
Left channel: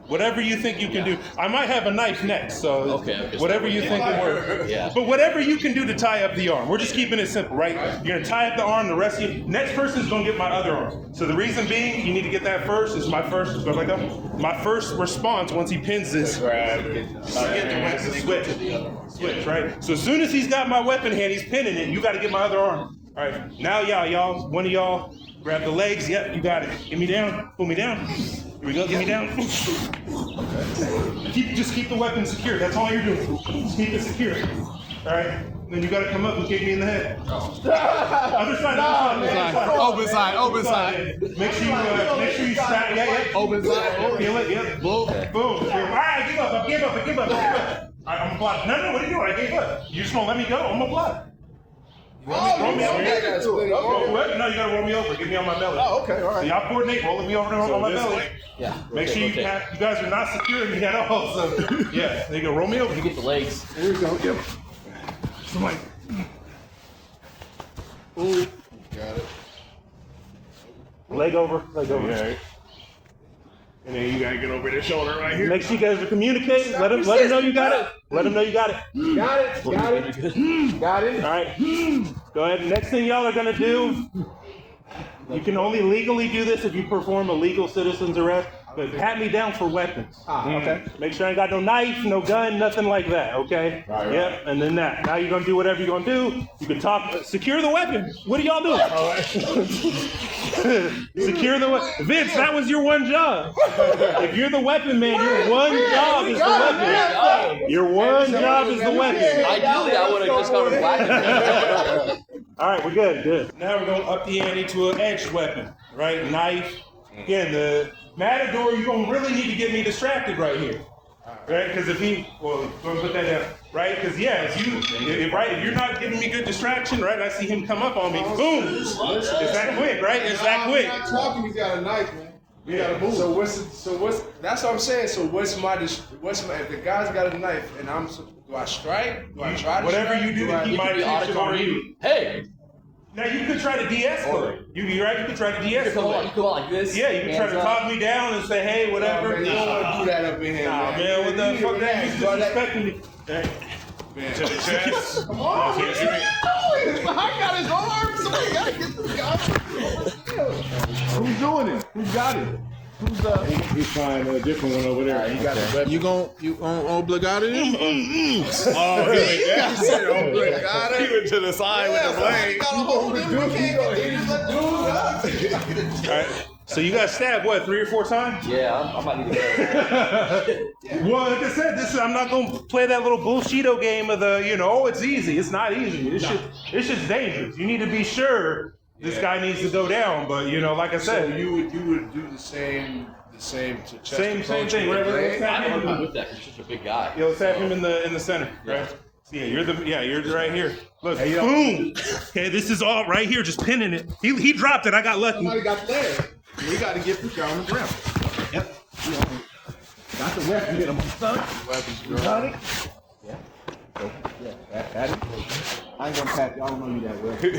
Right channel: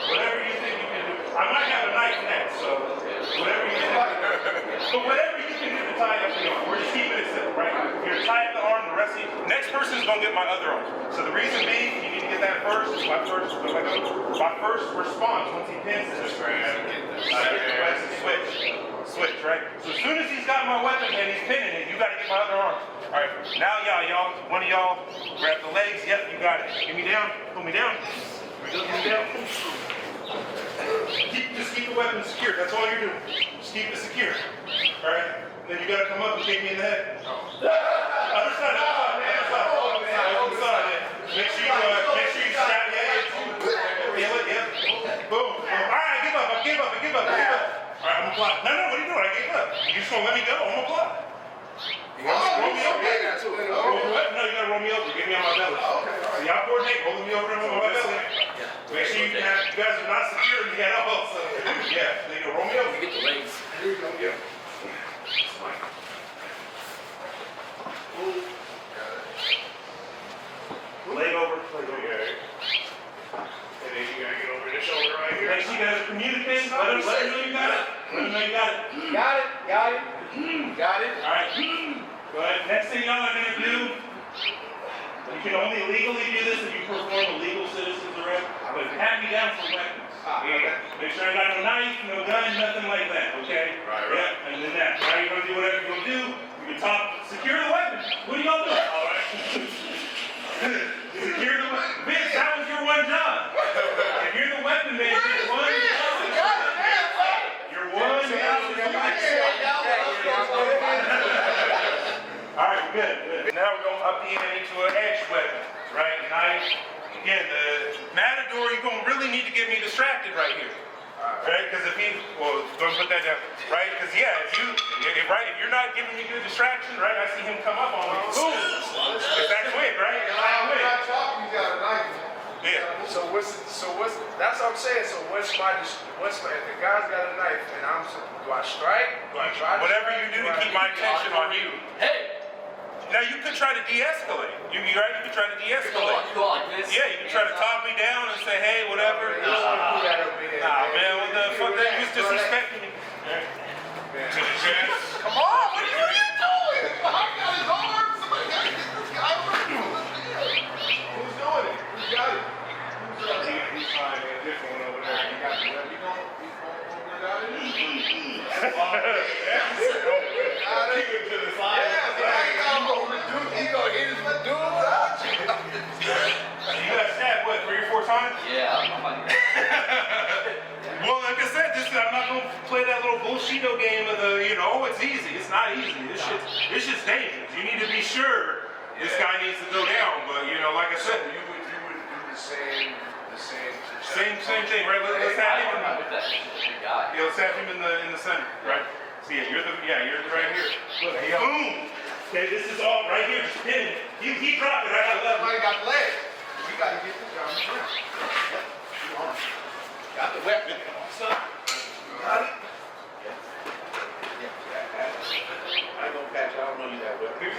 whatever you think you can do. I might have a knife next, so Okay. whatever you think can work. Yeah. But whatever you can do to tie up the arm. We're just keeping it simple, right? You're gonna tie up the arm, the rest of you. Next person's gonna get my other arm. So the reason being, you need to get that first. It's my first. So I go. My first response once he pins this. Switch, right? So as soon as he's got my weapon hand, he's pinning it. You got to get my other arm. All right. Now y'all, one of y'all grab the legs. Yep, you got it. Get me down. Pull me down. Here we go. Get me down. Just keep the weapon secure. That's all you're doing. Just keep it secure. All right. Then you got to come up and kick me in the head. Other side. Open side. Make sure you strap. Open side. Boom. All right, I give up. All right, I'm gonna block. No, what are you doing? I gave up. You just gonna let me go? I'm gonna block. Roll me over. No, you gotta roll me over. Get me on my belly. Oh, okay, all right. Y'all coordinate. Roll me over on my belly. Yeah. Make sure you guys are not secure yet. So there you go. Roll me over. You get the legs. There you go. Yeah. Somebody. Ooh, got it. Leg over. Okay. And then you gotta get over their shoulder right here. Make sure you guys are communicating. Let them know you got it. Got it. All right. Go ahead. Next thing y'all are gonna do, you can only legally do this if you perform a legal citizen's arrest. Pat me down for weapons. Okay. Make sure I got no knife, no gun, nothing like that, okay? Right. Yeah, and then that. Now you're gonna do whatever you're gonna do. You can talk, secure the weapon. What are y'all doing? All right. Secure the weapon. Vince, that was your one job. If you're the weapon man, your one job is the weapon. Your one job is the weapon. I knew that when I just started laughing. All right, we're good. Now we're going up the ante to an edged weapon, right? Knife. Again, the matador, you're going to really need to get me distracted right here. Right? Because if you, don't put that down, right? Because if you're not giving me good distraction, right? I see him come up on me, boom! It's that quick, right? It's that I'm quick. not talking, you got a knife, man. You Yeah. gotta move. So what's that's what I'm saying. So what's my if the guy's got a knife and do I strike? Do I try to Whatever strike? you do to keep I my attention on you. Hey. Now you can try to de-escalate. You're right, you can try to de-escalate. Go on, this. Yeah, you can try to talk me down and say, hey, whatever. You don't wanna do that up in here, Nah, man, what the fuck? You disrespecting me. Come on, what are you doing? I got his arms. Somebody gotta get this guy. Who's doing it? Who got it? He's trying a different one over there. You gon' obligate him? Oh, really? Yeah. Keep it to the side with the leg. You gon' hold him? You gonna hit him? So you got stabbed, what, 3 or 4 times? Yeah, I'm about to do that. Well, like I said, I'm not going to play that little bullshito game of it's easy. It's not easy. It's just dangerous. You need to be sure this guy needs to go down. But, like I So said, you would do the same same thing. Right? Let's I have don't know him. do that. He's such a big guy. Let's have him in the center, right? So you're right here. Look, boom. Okay, this is all right here, just pinning it. He dropped it. I got lucky. Somebody got legs. You gotta get the guy on the ground. Got the weapon. Get him. Got it? I ain't gonna pass out on you that way. This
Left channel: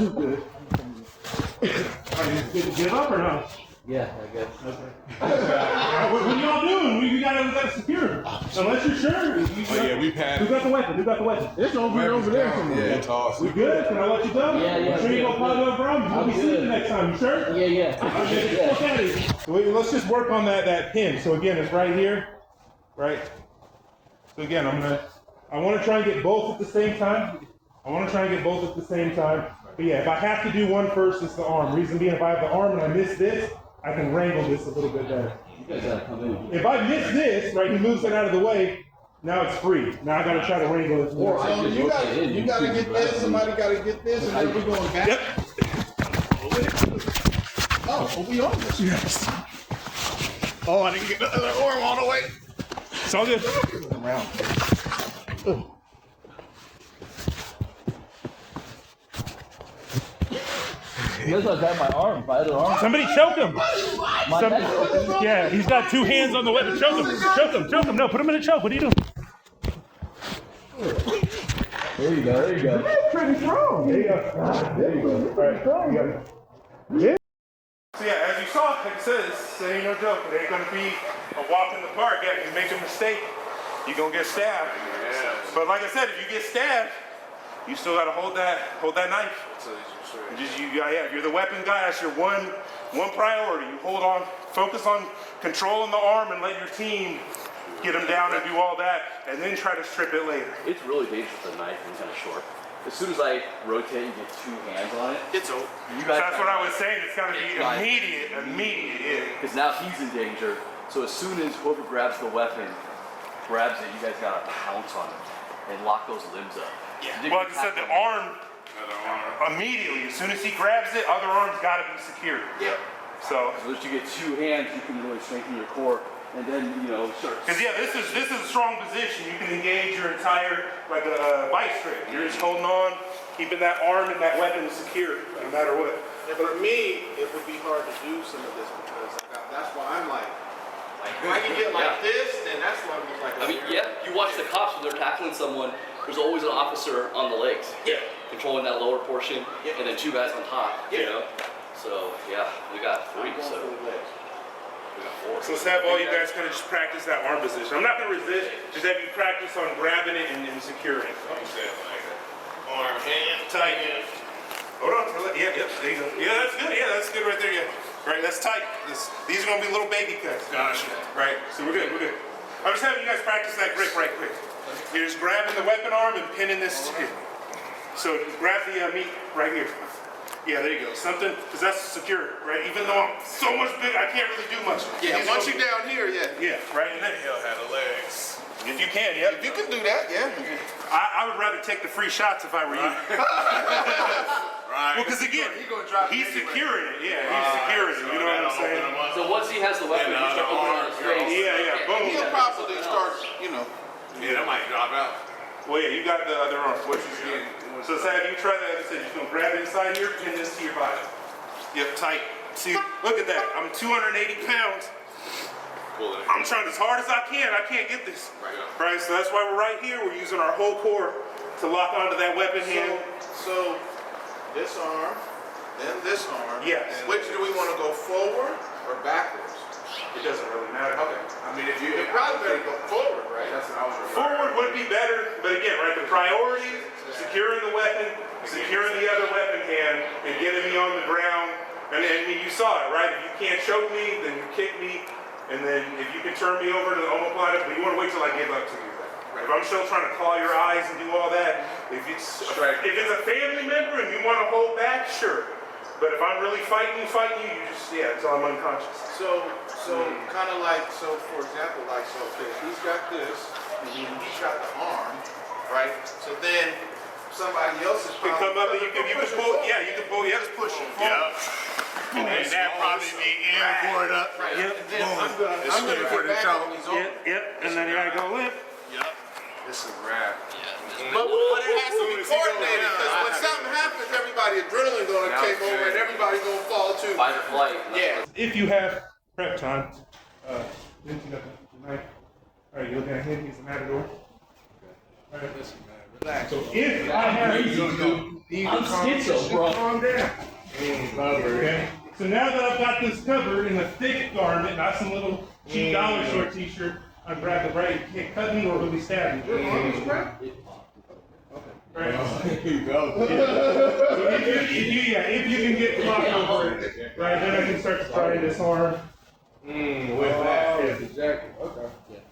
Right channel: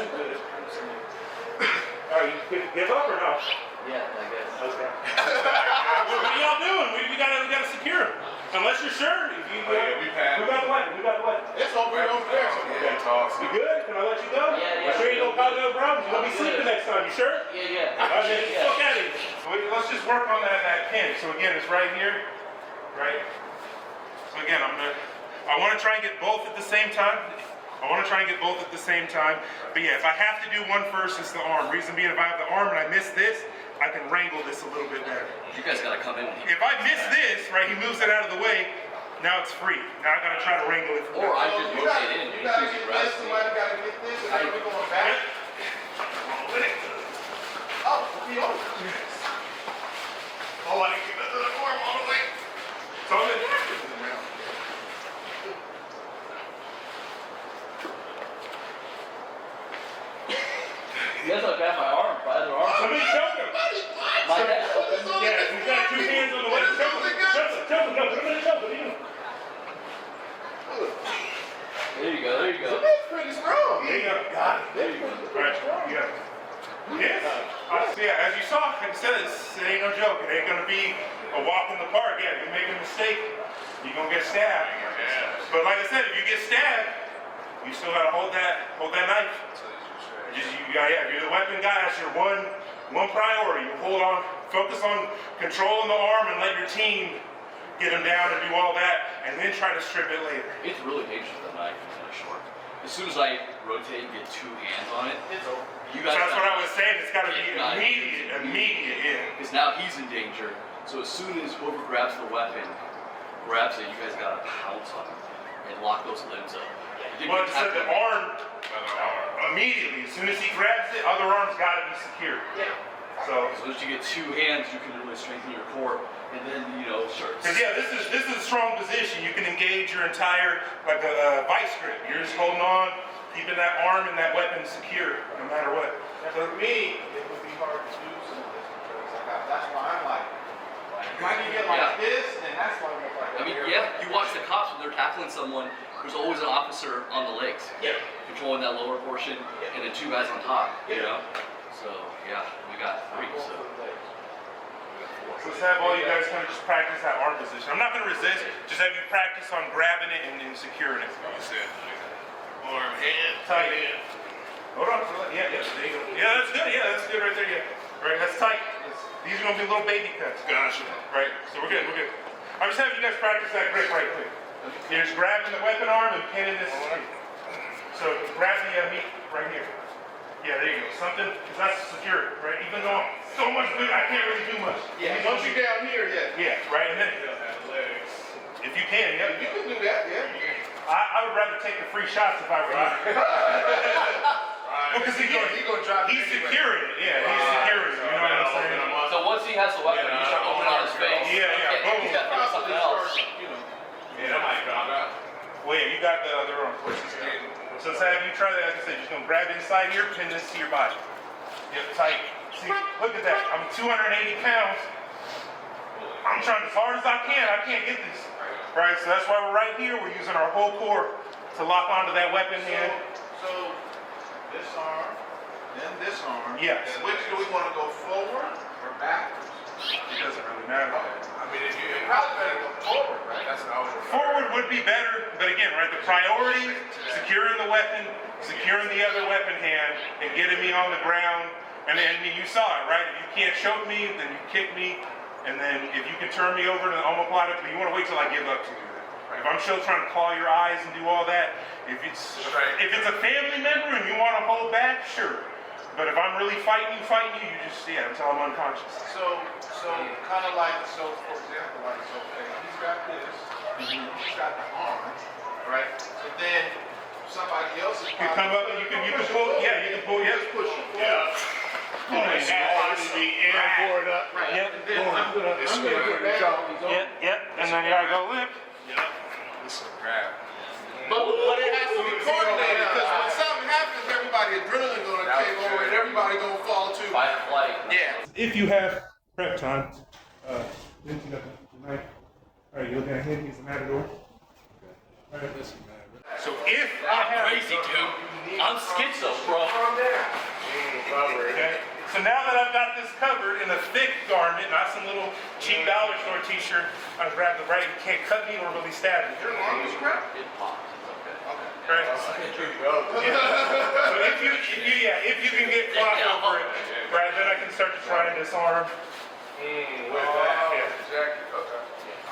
is good. All right, you give up or not? Yeah, I guess. What are y'all doing? We gotta secure him. Unless you're sure. We passed. Who got the weapon? It's over there somewhere. Yeah, it's awesome. We good? Can I let you go? Yeah. You sure you don't cause no problem? You won't be sleeping next time. You sure? Yeah. Okay. Wait, let's just work on that pin. So again, it's right here, right? So again, I want to try and get both at the same time. But yeah, if I have to do one first, it's the arm. Reason being, if I have the arm and I miss this, I can wrangle this a little bit better. You guys gotta come in. If I miss this, right, he moves it out of the way, Now it's free. Now I gotta try to wrangle it. Or I So could you rotate in. you gotta get this, somebody gotta get this, and then we're going back. Yep. Oh, we'll be on this. Yes. Oh, I didn't get another arm all the way. It's all good. You guys don't have my arm, my other arm. Somebody choke him. My dad's open. Yeah, he's got two hands on the weapon. Choke him. Choke him. Choke him. No, put him in a choke. What are you doing? There you go, there you go. Pretty strong. There you go. There you go. All right. You got it. Yeah? Yeah, as you saw, it says, it ain't no joke. It ain't gonna be a walk in the park. Yeah, if you make a mistake, you're gonna get stabbed. But like I said, if you get stabbed, you still gotta hold that knife. If you're the weapon guy, that's your one priority. You hold on, focus on controlling the arm and let your team get him down and do all that, and then try to strip it later. It's really dangerous with the knife, it's kind of short. As soon as I rotate and get two hands on it, It's over. you guys That's what I was saying. It's gotta be immediate, yeah. because now he's in danger. So as soon as whoever grabs the weapon, grabs it, you guys gotta pounce on it and lock those limbs up. But it said the arm, immediately, as soon as he grabs it, other arm's gotta be secure. Yep. So, So that you get two hands, you can really strengthen your core, and then sure. cause yeah, this is a strong position. You can engage your entire, like a vice grip. You're just holding on, keeping that arm and that weapon secure, no matter what. And for me, it would be hard to do some of this because that's why I'm like, when you get like this, then that's why I'm like, I mean, yeah, you watch the cops when they're tackling someone, there's always an officer on the legs, controlling that lower portion, and then two guys on top, So, yeah, we got three, so we got four. So let's have all you guys kind of just practice that arm position. I'm not gonna resist, just have you practice on grabbing it and securing it. arm and Tight. Hold on. Yeah, there you go. Yeah, that's good. Yeah, that's good right there. Yeah. Right, that's tight. These are gonna be little baby cuts. Gotcha. Right. So we're good. I'm just having you guys practice that grip right quick. You're just grabbing the weapon arm and pinning this. So grab the meat right here. Yeah, there you go. Something, because that's secure, right? Even though I'm so much bigger, I can't really do much. Yeah, once you down here, Yeah, right. And then he'll have the legs. if you can, yeah. You can do that, yeah. I would rather take the free shots if I were you. Right. Because again, He gonna drop he's it anyway. securing it. Yeah, he's securing it. You know what I'm saying? So once he has the weapon, he's gonna open on his face. Yeah, boom. He'll probably start, Well, yeah, you got the other arm. So Sam, you try that. Like I said, you're gonna grab it inside here, pin this to your body. Get tight. See, look at that. I'm 280 pounds. I'm trying as hard as I can. I can't get this. Right? So that's why we're right here. We're using our whole core to lock onto that weapon hand. So this arm, then this arm. Yes. And which do we want to go forward or backwards? It doesn't really matter. I mean, if you probably go forward, right? That's the only Forward would be better, but again, right, the priority, securing the weapon, securing the other weapon hand, and getting me on the ground. And then you saw it, right? If you can't choke me, then kick me, and then if you can turn me over to the omoplata, but you want to wait till I get up to you. Right? If I'm still trying to claw your eyes and do all that, if it's a family member and you want to hold back, sure. But if I'm really fighting you, you just, until I'm unconscious. So kind of like, so for example, like, so if he's got this, and then he's got the arm, right? So then somebody else is You can come up, you can pull, push him forward. And Board it up. Yep. I'm gonna go down. Yep, and then you gotta go lift. This is a grab. But it has to be coordinated, because when something happens, everybody's really gonna take over and everybody's gonna fall too. Fight or flight. Yeah. If you have prep time, then you got the knife. All right, you looking at him? He's the matador. All right, Listen, man, relax. so if I'm speechless, bro. Okay. So now that I've got this covered in a thick garment, not some little cheap Valley store t-shirt, I'm grabbing the right and can't cut you or really stab you. It pops, it's okay. Right? Here you go. So if you can get caught over it, right, then I can start trying this arm. I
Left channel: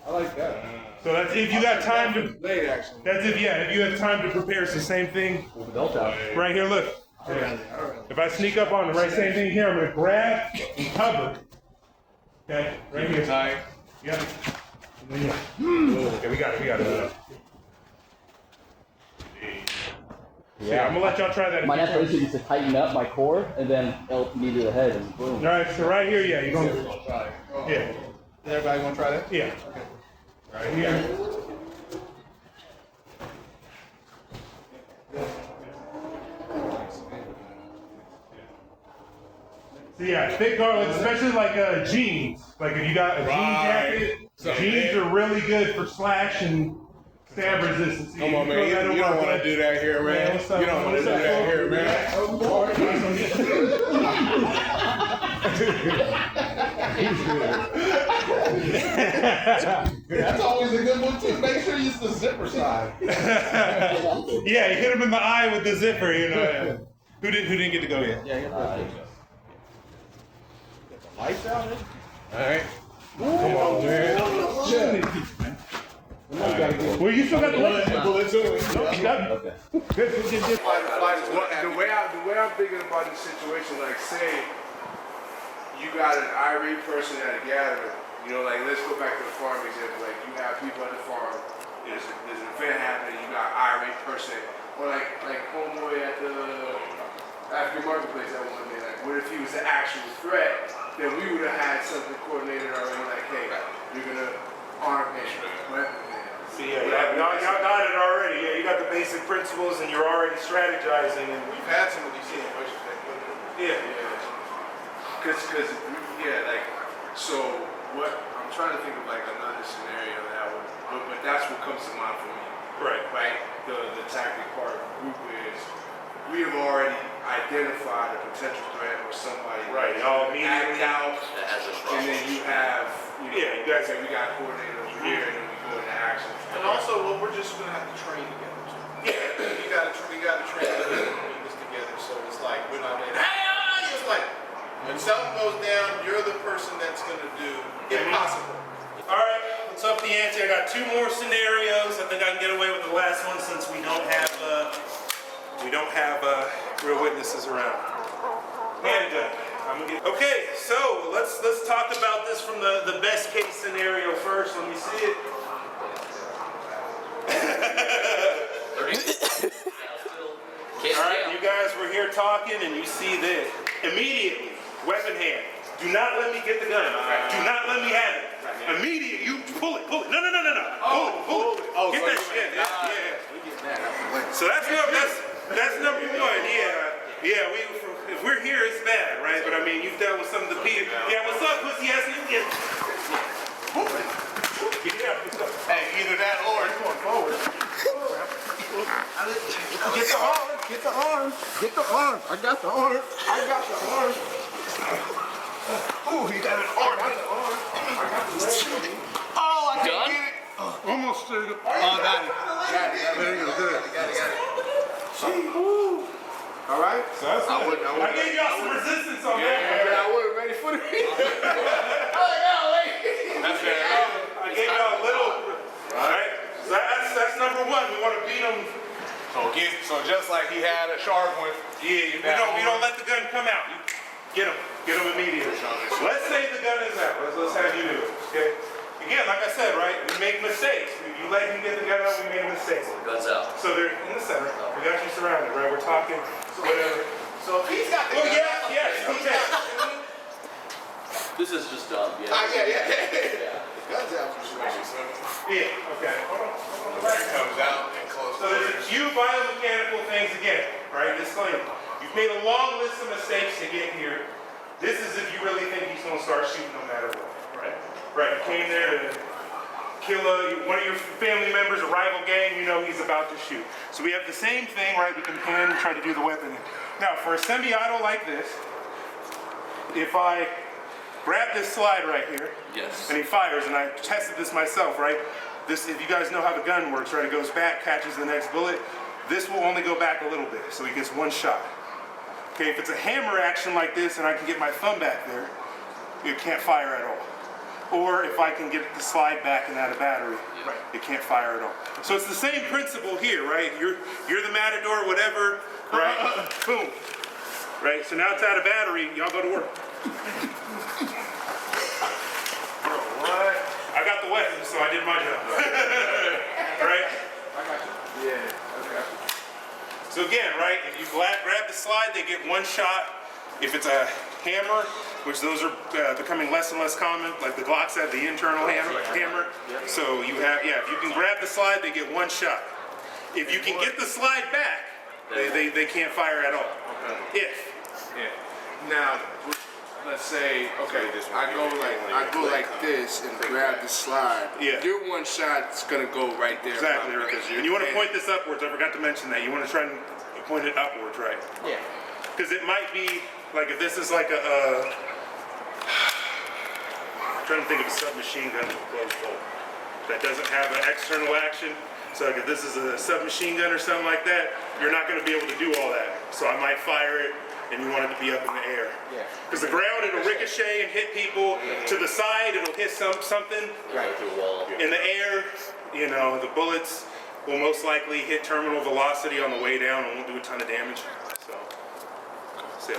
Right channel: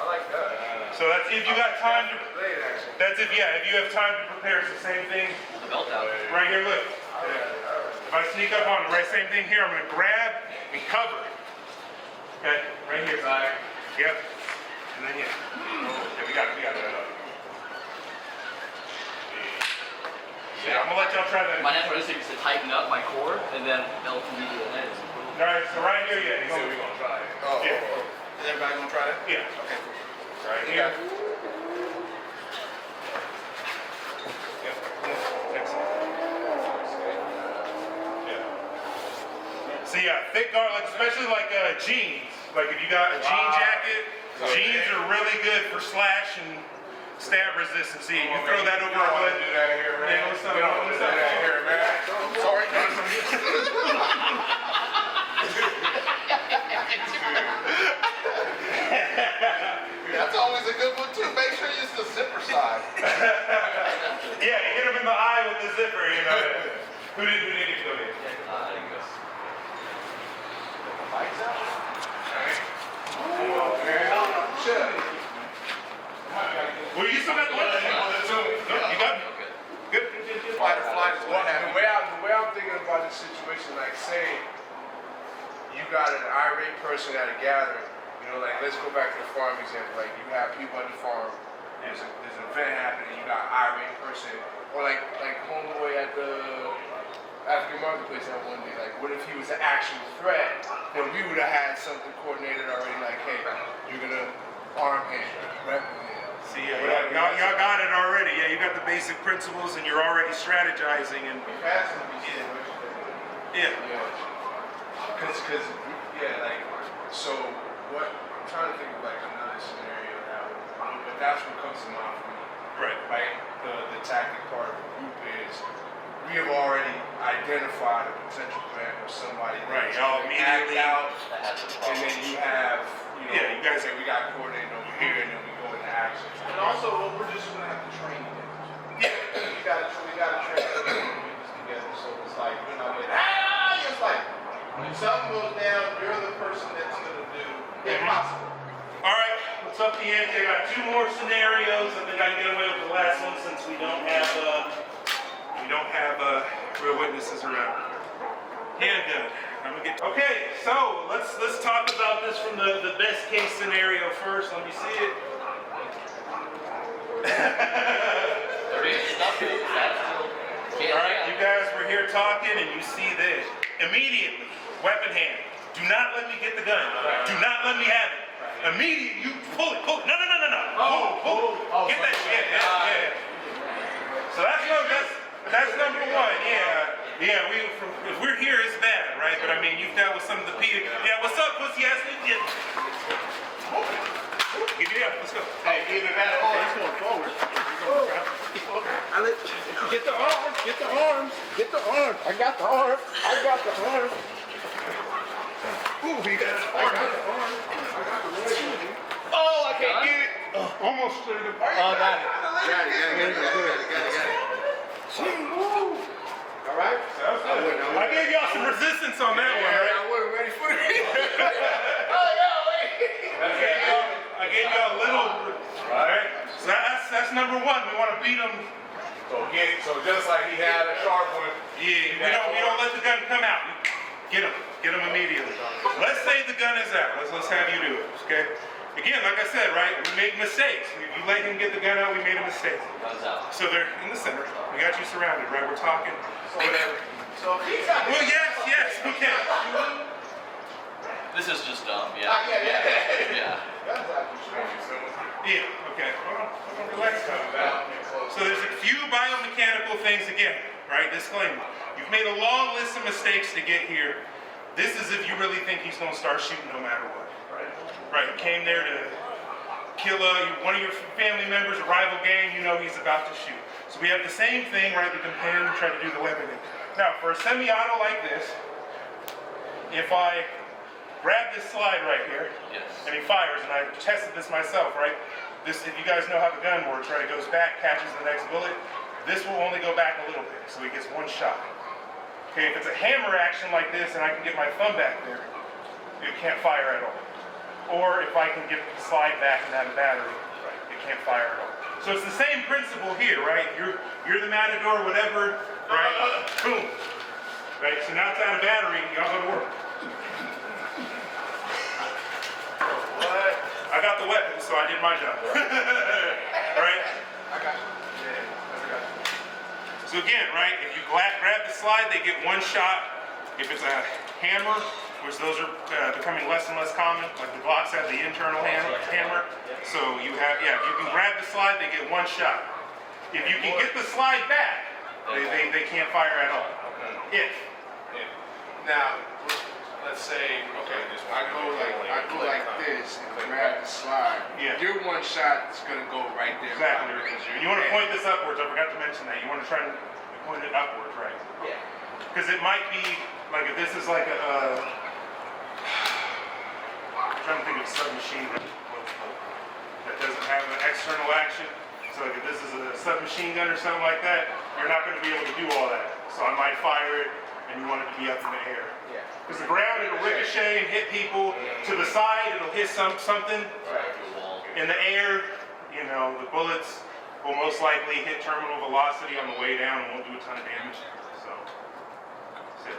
like that. So that's if you have time to, Blade action. that's it, yeah, if you have time to prepare, it's the same thing. The belt out. Right here, look. If I sneak up on him, right, same thing here, I'm gonna grab and cover. Okay, right here. Right. Yeah. And Yeah. We got yeah, I'm gonna let y'all try that. My next is to tighten up my core and then help me go ahead and boom. All right, so right here, yeah. Oh, Yeah. everybody gonna try that? Yeah. Right here. See, I think especially like jeans. Like if you got a jean jacket, jeans are really good for slash and stab resistance. See, you throw that over You don't want to do that here, man. Yeah, what's up? You don't want to do that here, man. That's always a good one too. Make sure you use the zipper side. Yeah, you hit him in the eye with the zipper. You know. Who didn't get to go in? Alright. Well, you still have one. You got it? Good. And the way I'm thinking about the situation, like say you got an irate person at a gathering, you know, like let's go back to the farm example, like you have people on the farm, there's an event happening, you got an irate person, or like homeboy at the marketplace that one day, like what if he was an actual threat? Then we would have had something coordinated already, like, hey, you're gonna arm him, right? See, y'all got it already. Yeah, you got the basic principles and you're already strategizing and You've had some of these situations. yeah. Like, so what, I'm trying to think of like another scenario that would, but that's what comes to mind for me. Right? The tactic part of the group is, we have already identified a potential threat or somebody. Right, y'all act immediately out, and then you have, you know, Yeah, you guys- okay, we got coordinated over here, and then we go into action. And also, what we're just gonna have to train them. We got to train them together. So it's like, you know, it's like, if something goes down, you're the person that's gonna do impossible. All right, what's up, Deante? I got two more scenarios. I think I can get away with the last one since we don't have real witnesses around. And okay, so let's talk about this from the best case scenario first. Let me see it. All right, you guys were here talking, and you see this immediately. Weapon hand. Do not let me get the gun. Do not let me have it. Immediately, you pull it. No. Pull it. Get that shit. Yeah. So that's number one. Yeah. If we're here, it's bad, right? But I mean, you dealt with some of the beating. Yeah. What's up? What's yes? Yeah. Let's go. Hey, either that or Get the arm. I got the arm. ooh, he got an arm. Oh, I can't get it. Almost to the. Got it. All right. I gave y'all some resistance on that one. I gave y'all a little. All right. So that's number one. We want to beat them. So just like he had a sharp one. Yeah. We don't let the gun come out. Get him immediately. Let's say the gun is out. Let's have you do it. Okay. Again, like I said, right? We make mistakes. We let him get the gun out. We made a mistake. Guns out. So they're in the center. We got you surrounded, right? We're talking. Whatever. So he's got Well, yes. Okay. This is just dumb, yeah. Yeah. That's after stretching, so Yeah. Okay. comes out and close. So there's a few biomechanical things again, right? Disclaimer. You've made a long list of mistakes to get here. This is if you really think he's going to start shooting no matter what, right? Right, you came there to kill one of your family members, a rival gang, you know he's about to shoot. So we have the same thing, right? We compare him, try to do the weapon thing. Now, for a semi-auto like this, if I grab this slide right here, Yes. and he fires, and I tested this myself, right? This, if you guys know how the gun works, right? It goes back, catches the next bullet. This will only go back a little bit, so he gets one shot. Okay, if it's a hammer action like this, and I can get my thumb back there, it can't fire at all. Or if I can get the slide back and out of battery, right, it can't fire at all. So it's the same principle here, right? You're the matador, whatever, right? Boom. Right, so now it's out of battery, y'all go to work. I got the weapon, so I did my get one shot. If it's a hammer, which those are becoming less and less common, like the Glocks have the internal hammer. So you have, if you can grab the slide, they get one shot. If you can get the slide back, they can't fire at all. If. Yeah. Now, let's say, okay, I go like this and grab the slide. Yeah. Your one shot is gonna go right there. Exactly. You want to point this upwards. I forgot to mention that. You want to try to point it upwards, right? Yeah. Because it might be like if this is like I'm trying to think of a submachine gun that doesn't have an external action. So like if this is a submachine gun or something like that, you're not going to be able to do all that. So I might fire it, and you want it to be up in the air. Yeah. Because the ground, it'll ricochet and hit people. To the side, it'll hit something. Right to the wall. In the air, the bullets will most likely hit terminal velocity on the way down and won't do a ton of damage.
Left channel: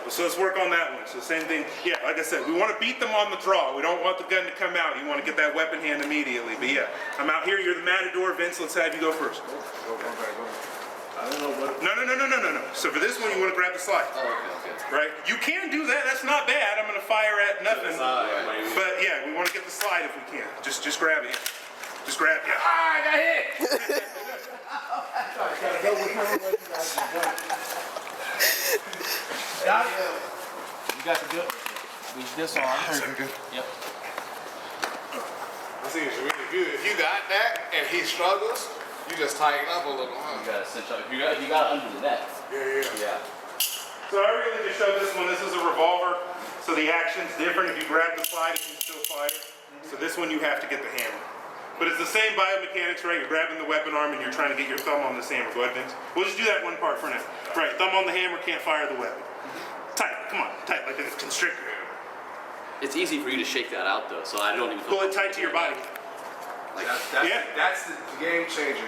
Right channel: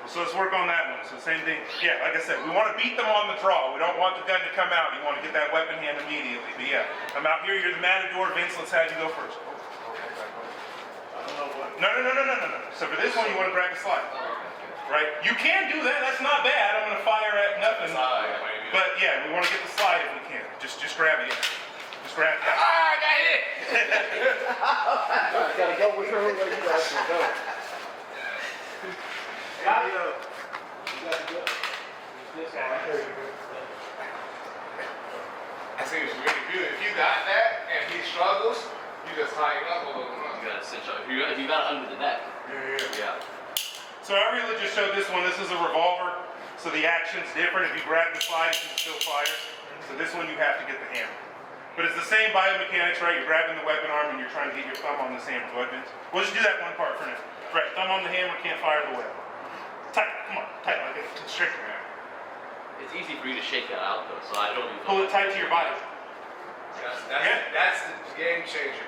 So let's work on that one. So same thing, like I said, we want to beat them on the draw. We don't want the gun to come out. You want to get that weapon hand immediately. But I'm out here. You're the matador. Vince, let's have you go first. I don't know what. No. So for this one, you want to grab the slide. Right? You can do that. That's not bad. I'm going to fire at nothing. But we want to get the slide if we can. Just grab it. Just grab that. I got hit. You got the good. This one. Good. Yep. I see it's really good. If you got that and he struggles, you just tighten up a little. You got it under the net. Yeah. So I really just showed this one. This is a revolver. So the action's different. If you grab the slide, you can still fire. So this one, you have to get the hammer. But it's the same biomechanics, right? You're grabbing the weapon arm and you're trying to get your thumb on this hammer. Go ahead, Vince. We'll just do that one part for now. Right, thumb on the hammer, can't fire the weapon. Tight, come on, tight, like a constrictor. It's easy for you to shake that out though, so I don't even. Pull it tight to your body. That's the game changer.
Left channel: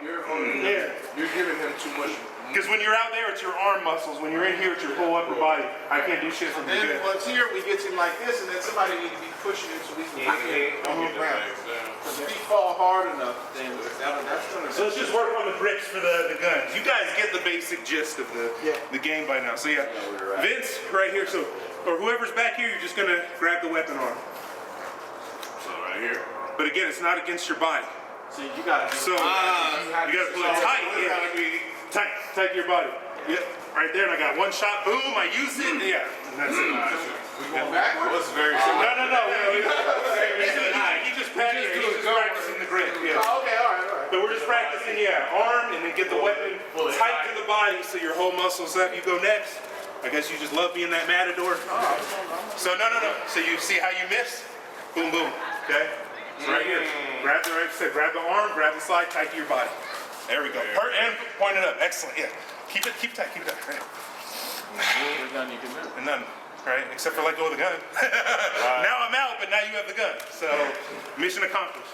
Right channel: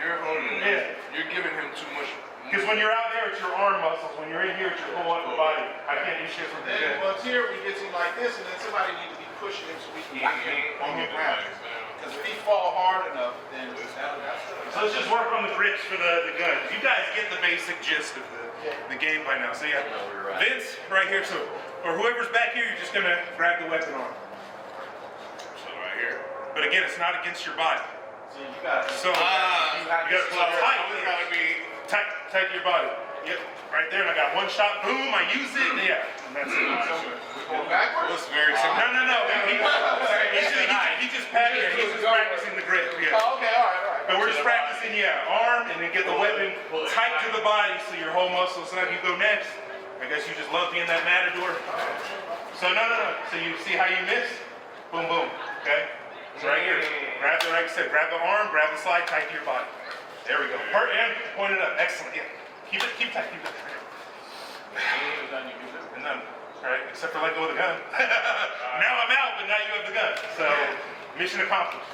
You're giving him too much. Because when you're out there, it's your arm muscles. When you're in here, it's your whole upper body. I can't do shit from the Then good. once here, we get you like this, and then somebody needs to be pushing it so we can Because if you fall hard enough, then that's gonna. So let's just work on the grips for the guns. You guys get the basic gist of the game by now. So Vince, right here. So for whoever's back here, you're just gonna grab the weapon arm. So right here. But again, it's not against your body. So you got So you gotta pull it tight. You gotta be tight to your body. Yep. Right there. And I got one shot. Boom. I use it. Yeah. That's it. going backwards. Very No. He just practicing the grip. Yeah. Oh, okay, all right. But we're just practicing, arm, and then get the weapon tight to the body so your whole muscle is up. You go next. I guess you just love being that matador. So no. So you see how you missed? Boom. Okay. So right here. Grab the right side. Grab the arm. Grab the slide tight to your body. There we go. And point it up. Excellent. Yeah. Keep tight. Right. And none. Right? Except for let go of the gun. Now I'm out, but now you have the gun. So mission accomplished.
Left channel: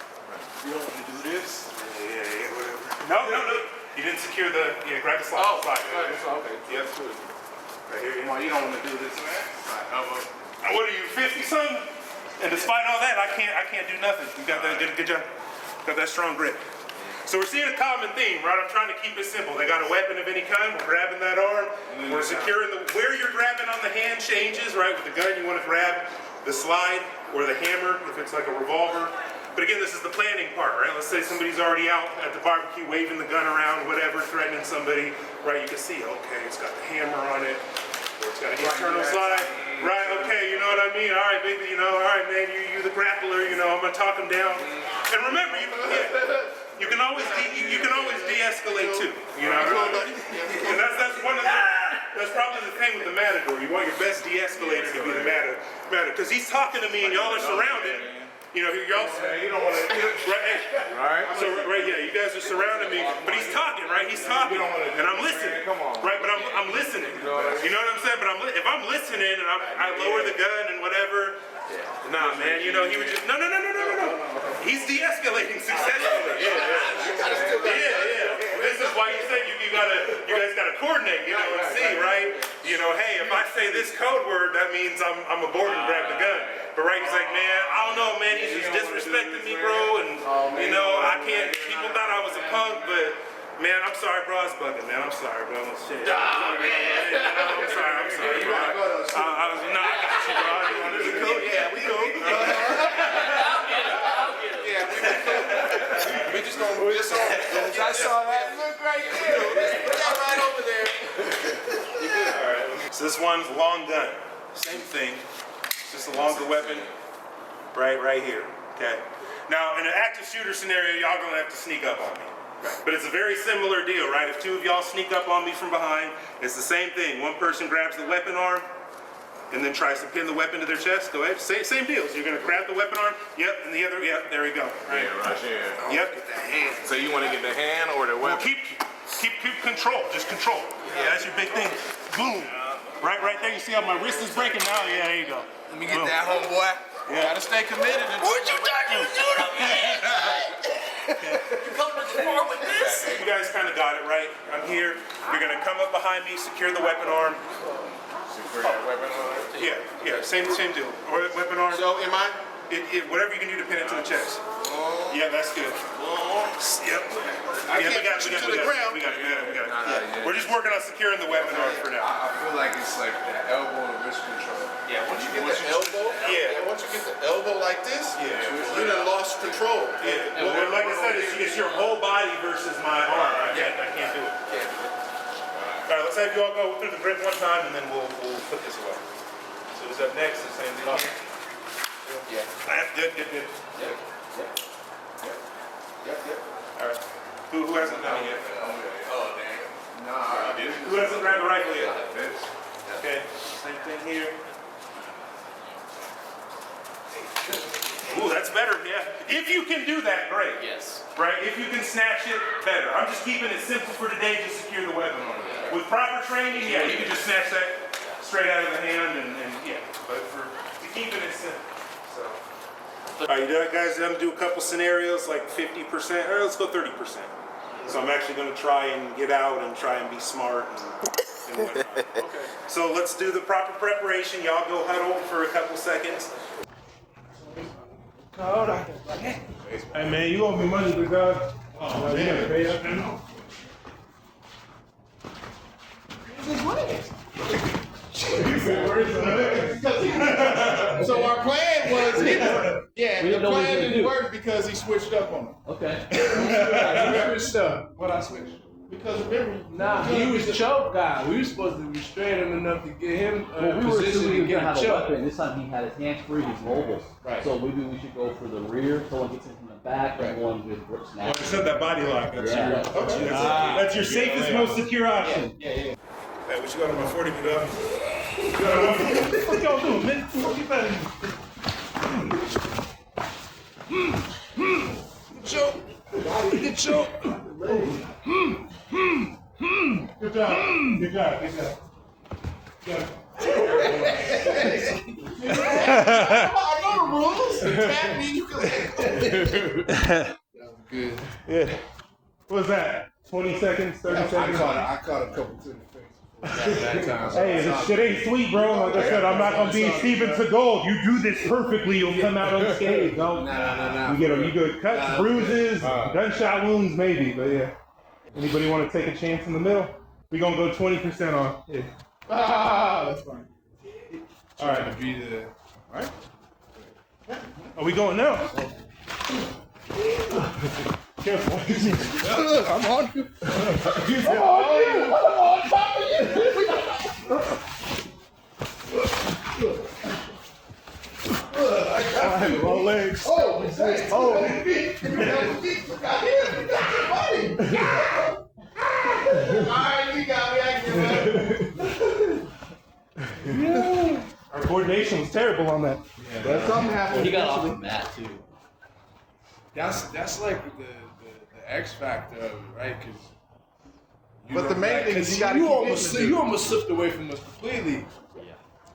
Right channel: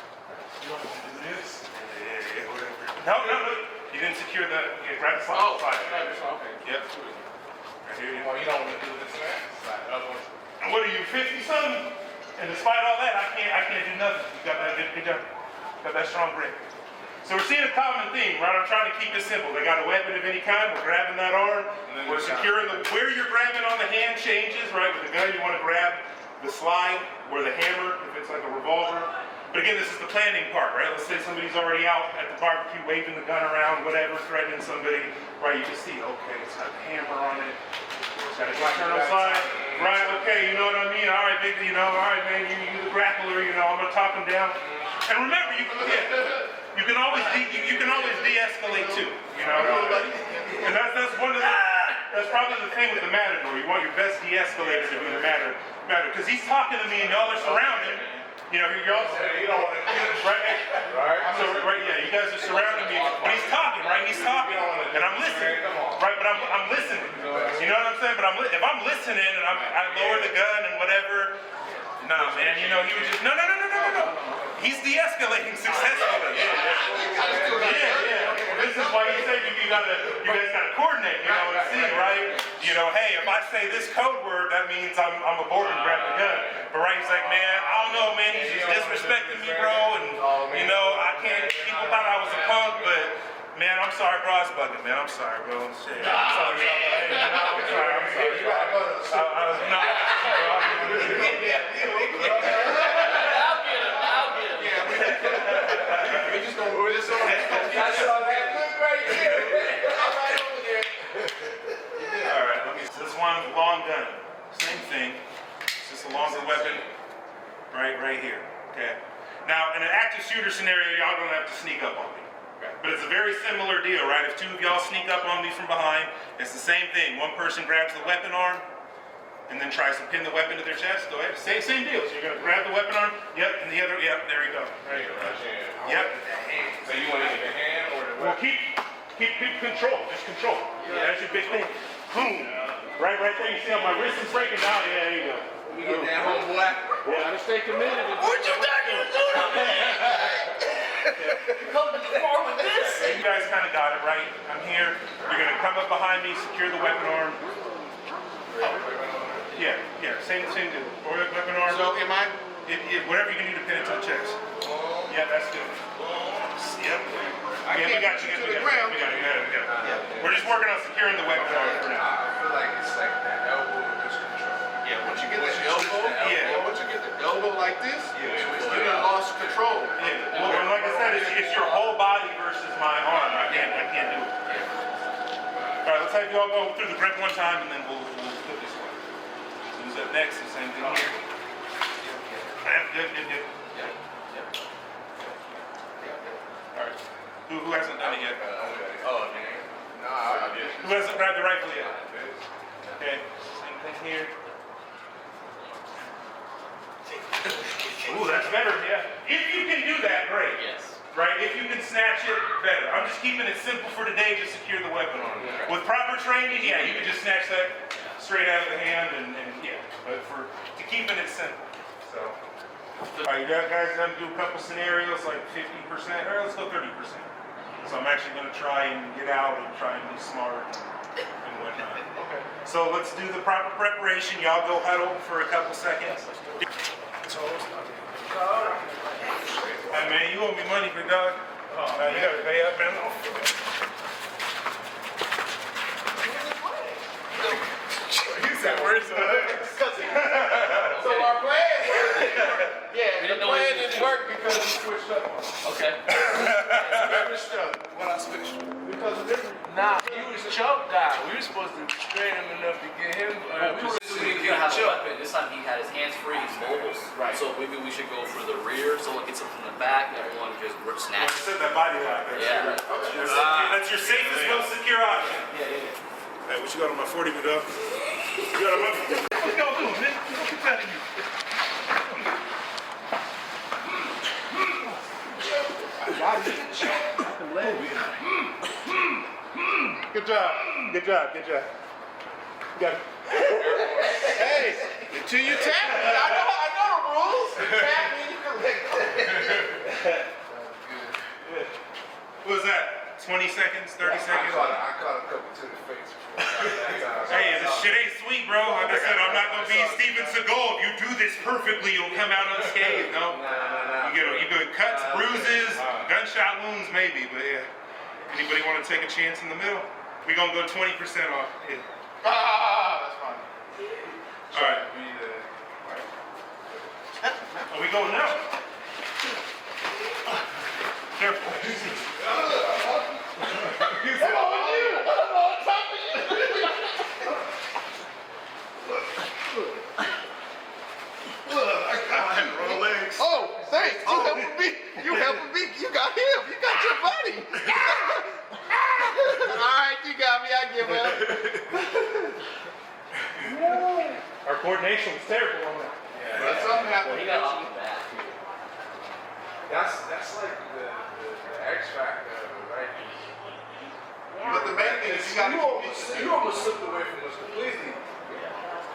You don't want to do this? Yeah, whatever. No. You didn't secure grab the slide. Oh, okay. Yep. Right here, you don't want to do this. What are you, 50 something? And despite all that, I can't do nothing. You got that good job. Got that strong grip. So we're seeing a common theme, right? I'm trying to keep it simple. They got a weapon of any kind. We're grabbing that arm. We're securing where you're grabbing on the hand changes, right? With the gun, you want to grab the slide or the hammer if it's like a revolver. But again, this is the planning part, right? Let's say somebody's already out at the barbecue waving the gun around, whatever, threatening somebody, right? You can see, okay, it's got the hammer on it. It's got a internal slide. Right, okay, you know what I mean? All right, baby, all right, man, you the grappler, I'm going to talk him down. And remember, you can always de-escalate too. And that's one of that's probably the thing with the matador. You want your best de-escalate to be the matador. Because he's talking to me and y'all are surrounded. You don't want to, right? So, you guys are surrounding me. But he's talking, right? He's talking. And I'm listening. Right, but I'm listening. You know what I'm saying? But if I'm listening and I lower the gun and whatever, nah, man, he was just, no. He's de-escalating successfully. Yeah. This is why you said you guys gotta coordinate, and see, right? Hey, if I say this code word, that means I'm aboard and grab the gun. But right, he's like, man, I don't know, man, he's just disrespecting me, bro, and I can't, people thought I was a punk, but man, I'm sorry, bro, I was bugging, man, I'm sorry, bro. Shit. I'm sorry, bro. one's long gun. Same thing. Just along the weapon, right here. Okay. Now, in an active shooter scenario, y'all gonna have to sneak up on me. But it's a very similar deal, right? If two of y'all sneak up on me from behind, it's the same thing. One person grabs the weapon arm and then tries to pin the weapon to their chest. Go ahead. Same deal. So you're gonna grab the weapon arm. Yep. And the other. Yep. There you go. Right. Right here. Yep. So you want to get the hand or the Well, weapon? keep control. Just control. Yeah, that's your big thing. Boom. Right there. You see how my wrist is breaking down? Yeah, there you go. Let me get that one, boy. Yeah. Gotta stay committed. What you got to do? You guys kind of got it, right? I'm here. You're gonna come up behind me, secure the weapon arm. Yeah. Same deal. Or the weapon arm. So, am I? Whatever you can do to pin it to the chest. Yeah, that's good. Yep. I can't got put you to the ground. Yeah. We're just working on securing the weapon arm for now. I feel like it's like the elbow of wrist control. Yeah, once you get the elbow, once you get the elbow like this, you done lost control. Yeah. Well, like I said, it's your whole body versus my arm. I can't do it. All right, let's have you all go through the grip one time, and then we'll flip this way. So who's up next? The same thing. That's good. All right. Who hasn't done it yet? Oh, damn. Nah, I didn't. Who hasn't grabbed the rifle yet? Okay. Same thing here. Ooh, that's better. Yeah. If you can do that, great. Yes. Right? If you can snatch it, better. I'm just keeping it simple for today to secure the weapon on it. With proper training, yeah, you can just snatch that straight out of the hand and yeah. But for keeping it simple. So. All right, you guys done do a couple scenarios like 50%. Let's go 30%. So I'm actually going to try and get out and try and be smart and whatnot. Okay. So let's do the proper preparation. Y'all go huddle for a couple seconds. Hey man, you owe me money, big dog. Oh man, you gotta pay that man. He said, where's the money? So our plan was, We the don't know what plan he's didn't gonna work because he switched up on us. Okay. Remember stuff. When I switched. Because remember, he was choked out. We were supposed to restrain him enough to get him. Well, we were positioned assuming he to get had a choked. weapon. This time he had his hands free, he's mobile. Right. So maybe we should go for the rear, someone gets something in the back, and one just grip snatch. Instead of that body lock. Yeah. That's your safest, most secure option. Hey, what you got on my 40, big dog? You got a weapon? Let's go, man. Good job. You got it. Hey, to you, I know rules. Attack me for Good. What was that? 20 seconds, 30 seconds? I caught a couple to the face. Hey, this shit ain't sweet, bro. Like I said, I'm not gonna be in Steven Seagal. You do this perfectly, you'll come out unscathed, no? You get cuts, bruises, gunshot wounds, maybe, but yeah. Anybody want to take a chance in the middle? We gonna go 20% off. Yeah. that's fine. All right. Be the, Are we going no? I'm on. Wrong legs. Oh, thanks. You have me. You got him. You got your buddy. All right, you got that, man. Our coordination was terrible on that. That's something happened. He got off the mat, too. That's like the X factor, right? But the main thing is You almost slipped away from us completely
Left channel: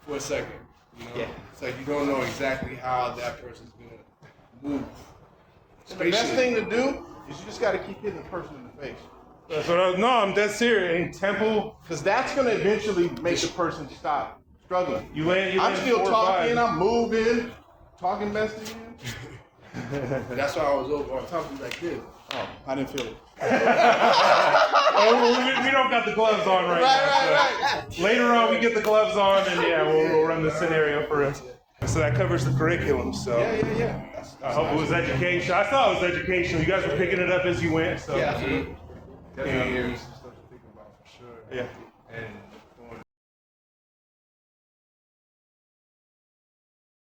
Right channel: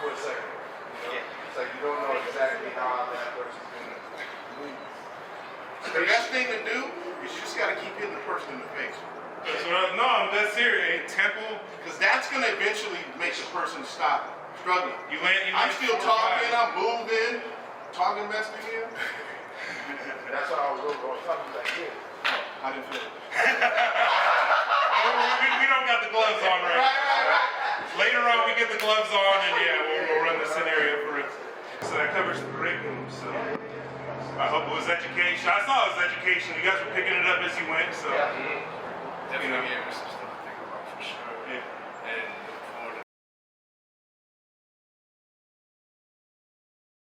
for a second. You know? It's like you don't know exactly how that person's gonna move. the best thing to do is you just got to keep hitting the person in the face. No, I'm dead serious. In temple, Because that's going to eventually make the person stop struggling. you land. I'm still talking, I'm moving, talking mess to you. That's why I was talking like this. Oh, I didn't feel it. We don't got the gloves on right now. Right. Later on, we get the gloves on, and yeah, we'll run the scenario for us. So that covers the curriculum, so. Yeah. I hope it was education. I thought it was education. You guys were picking it up as you went, so. Yeah, he, Definitely gave us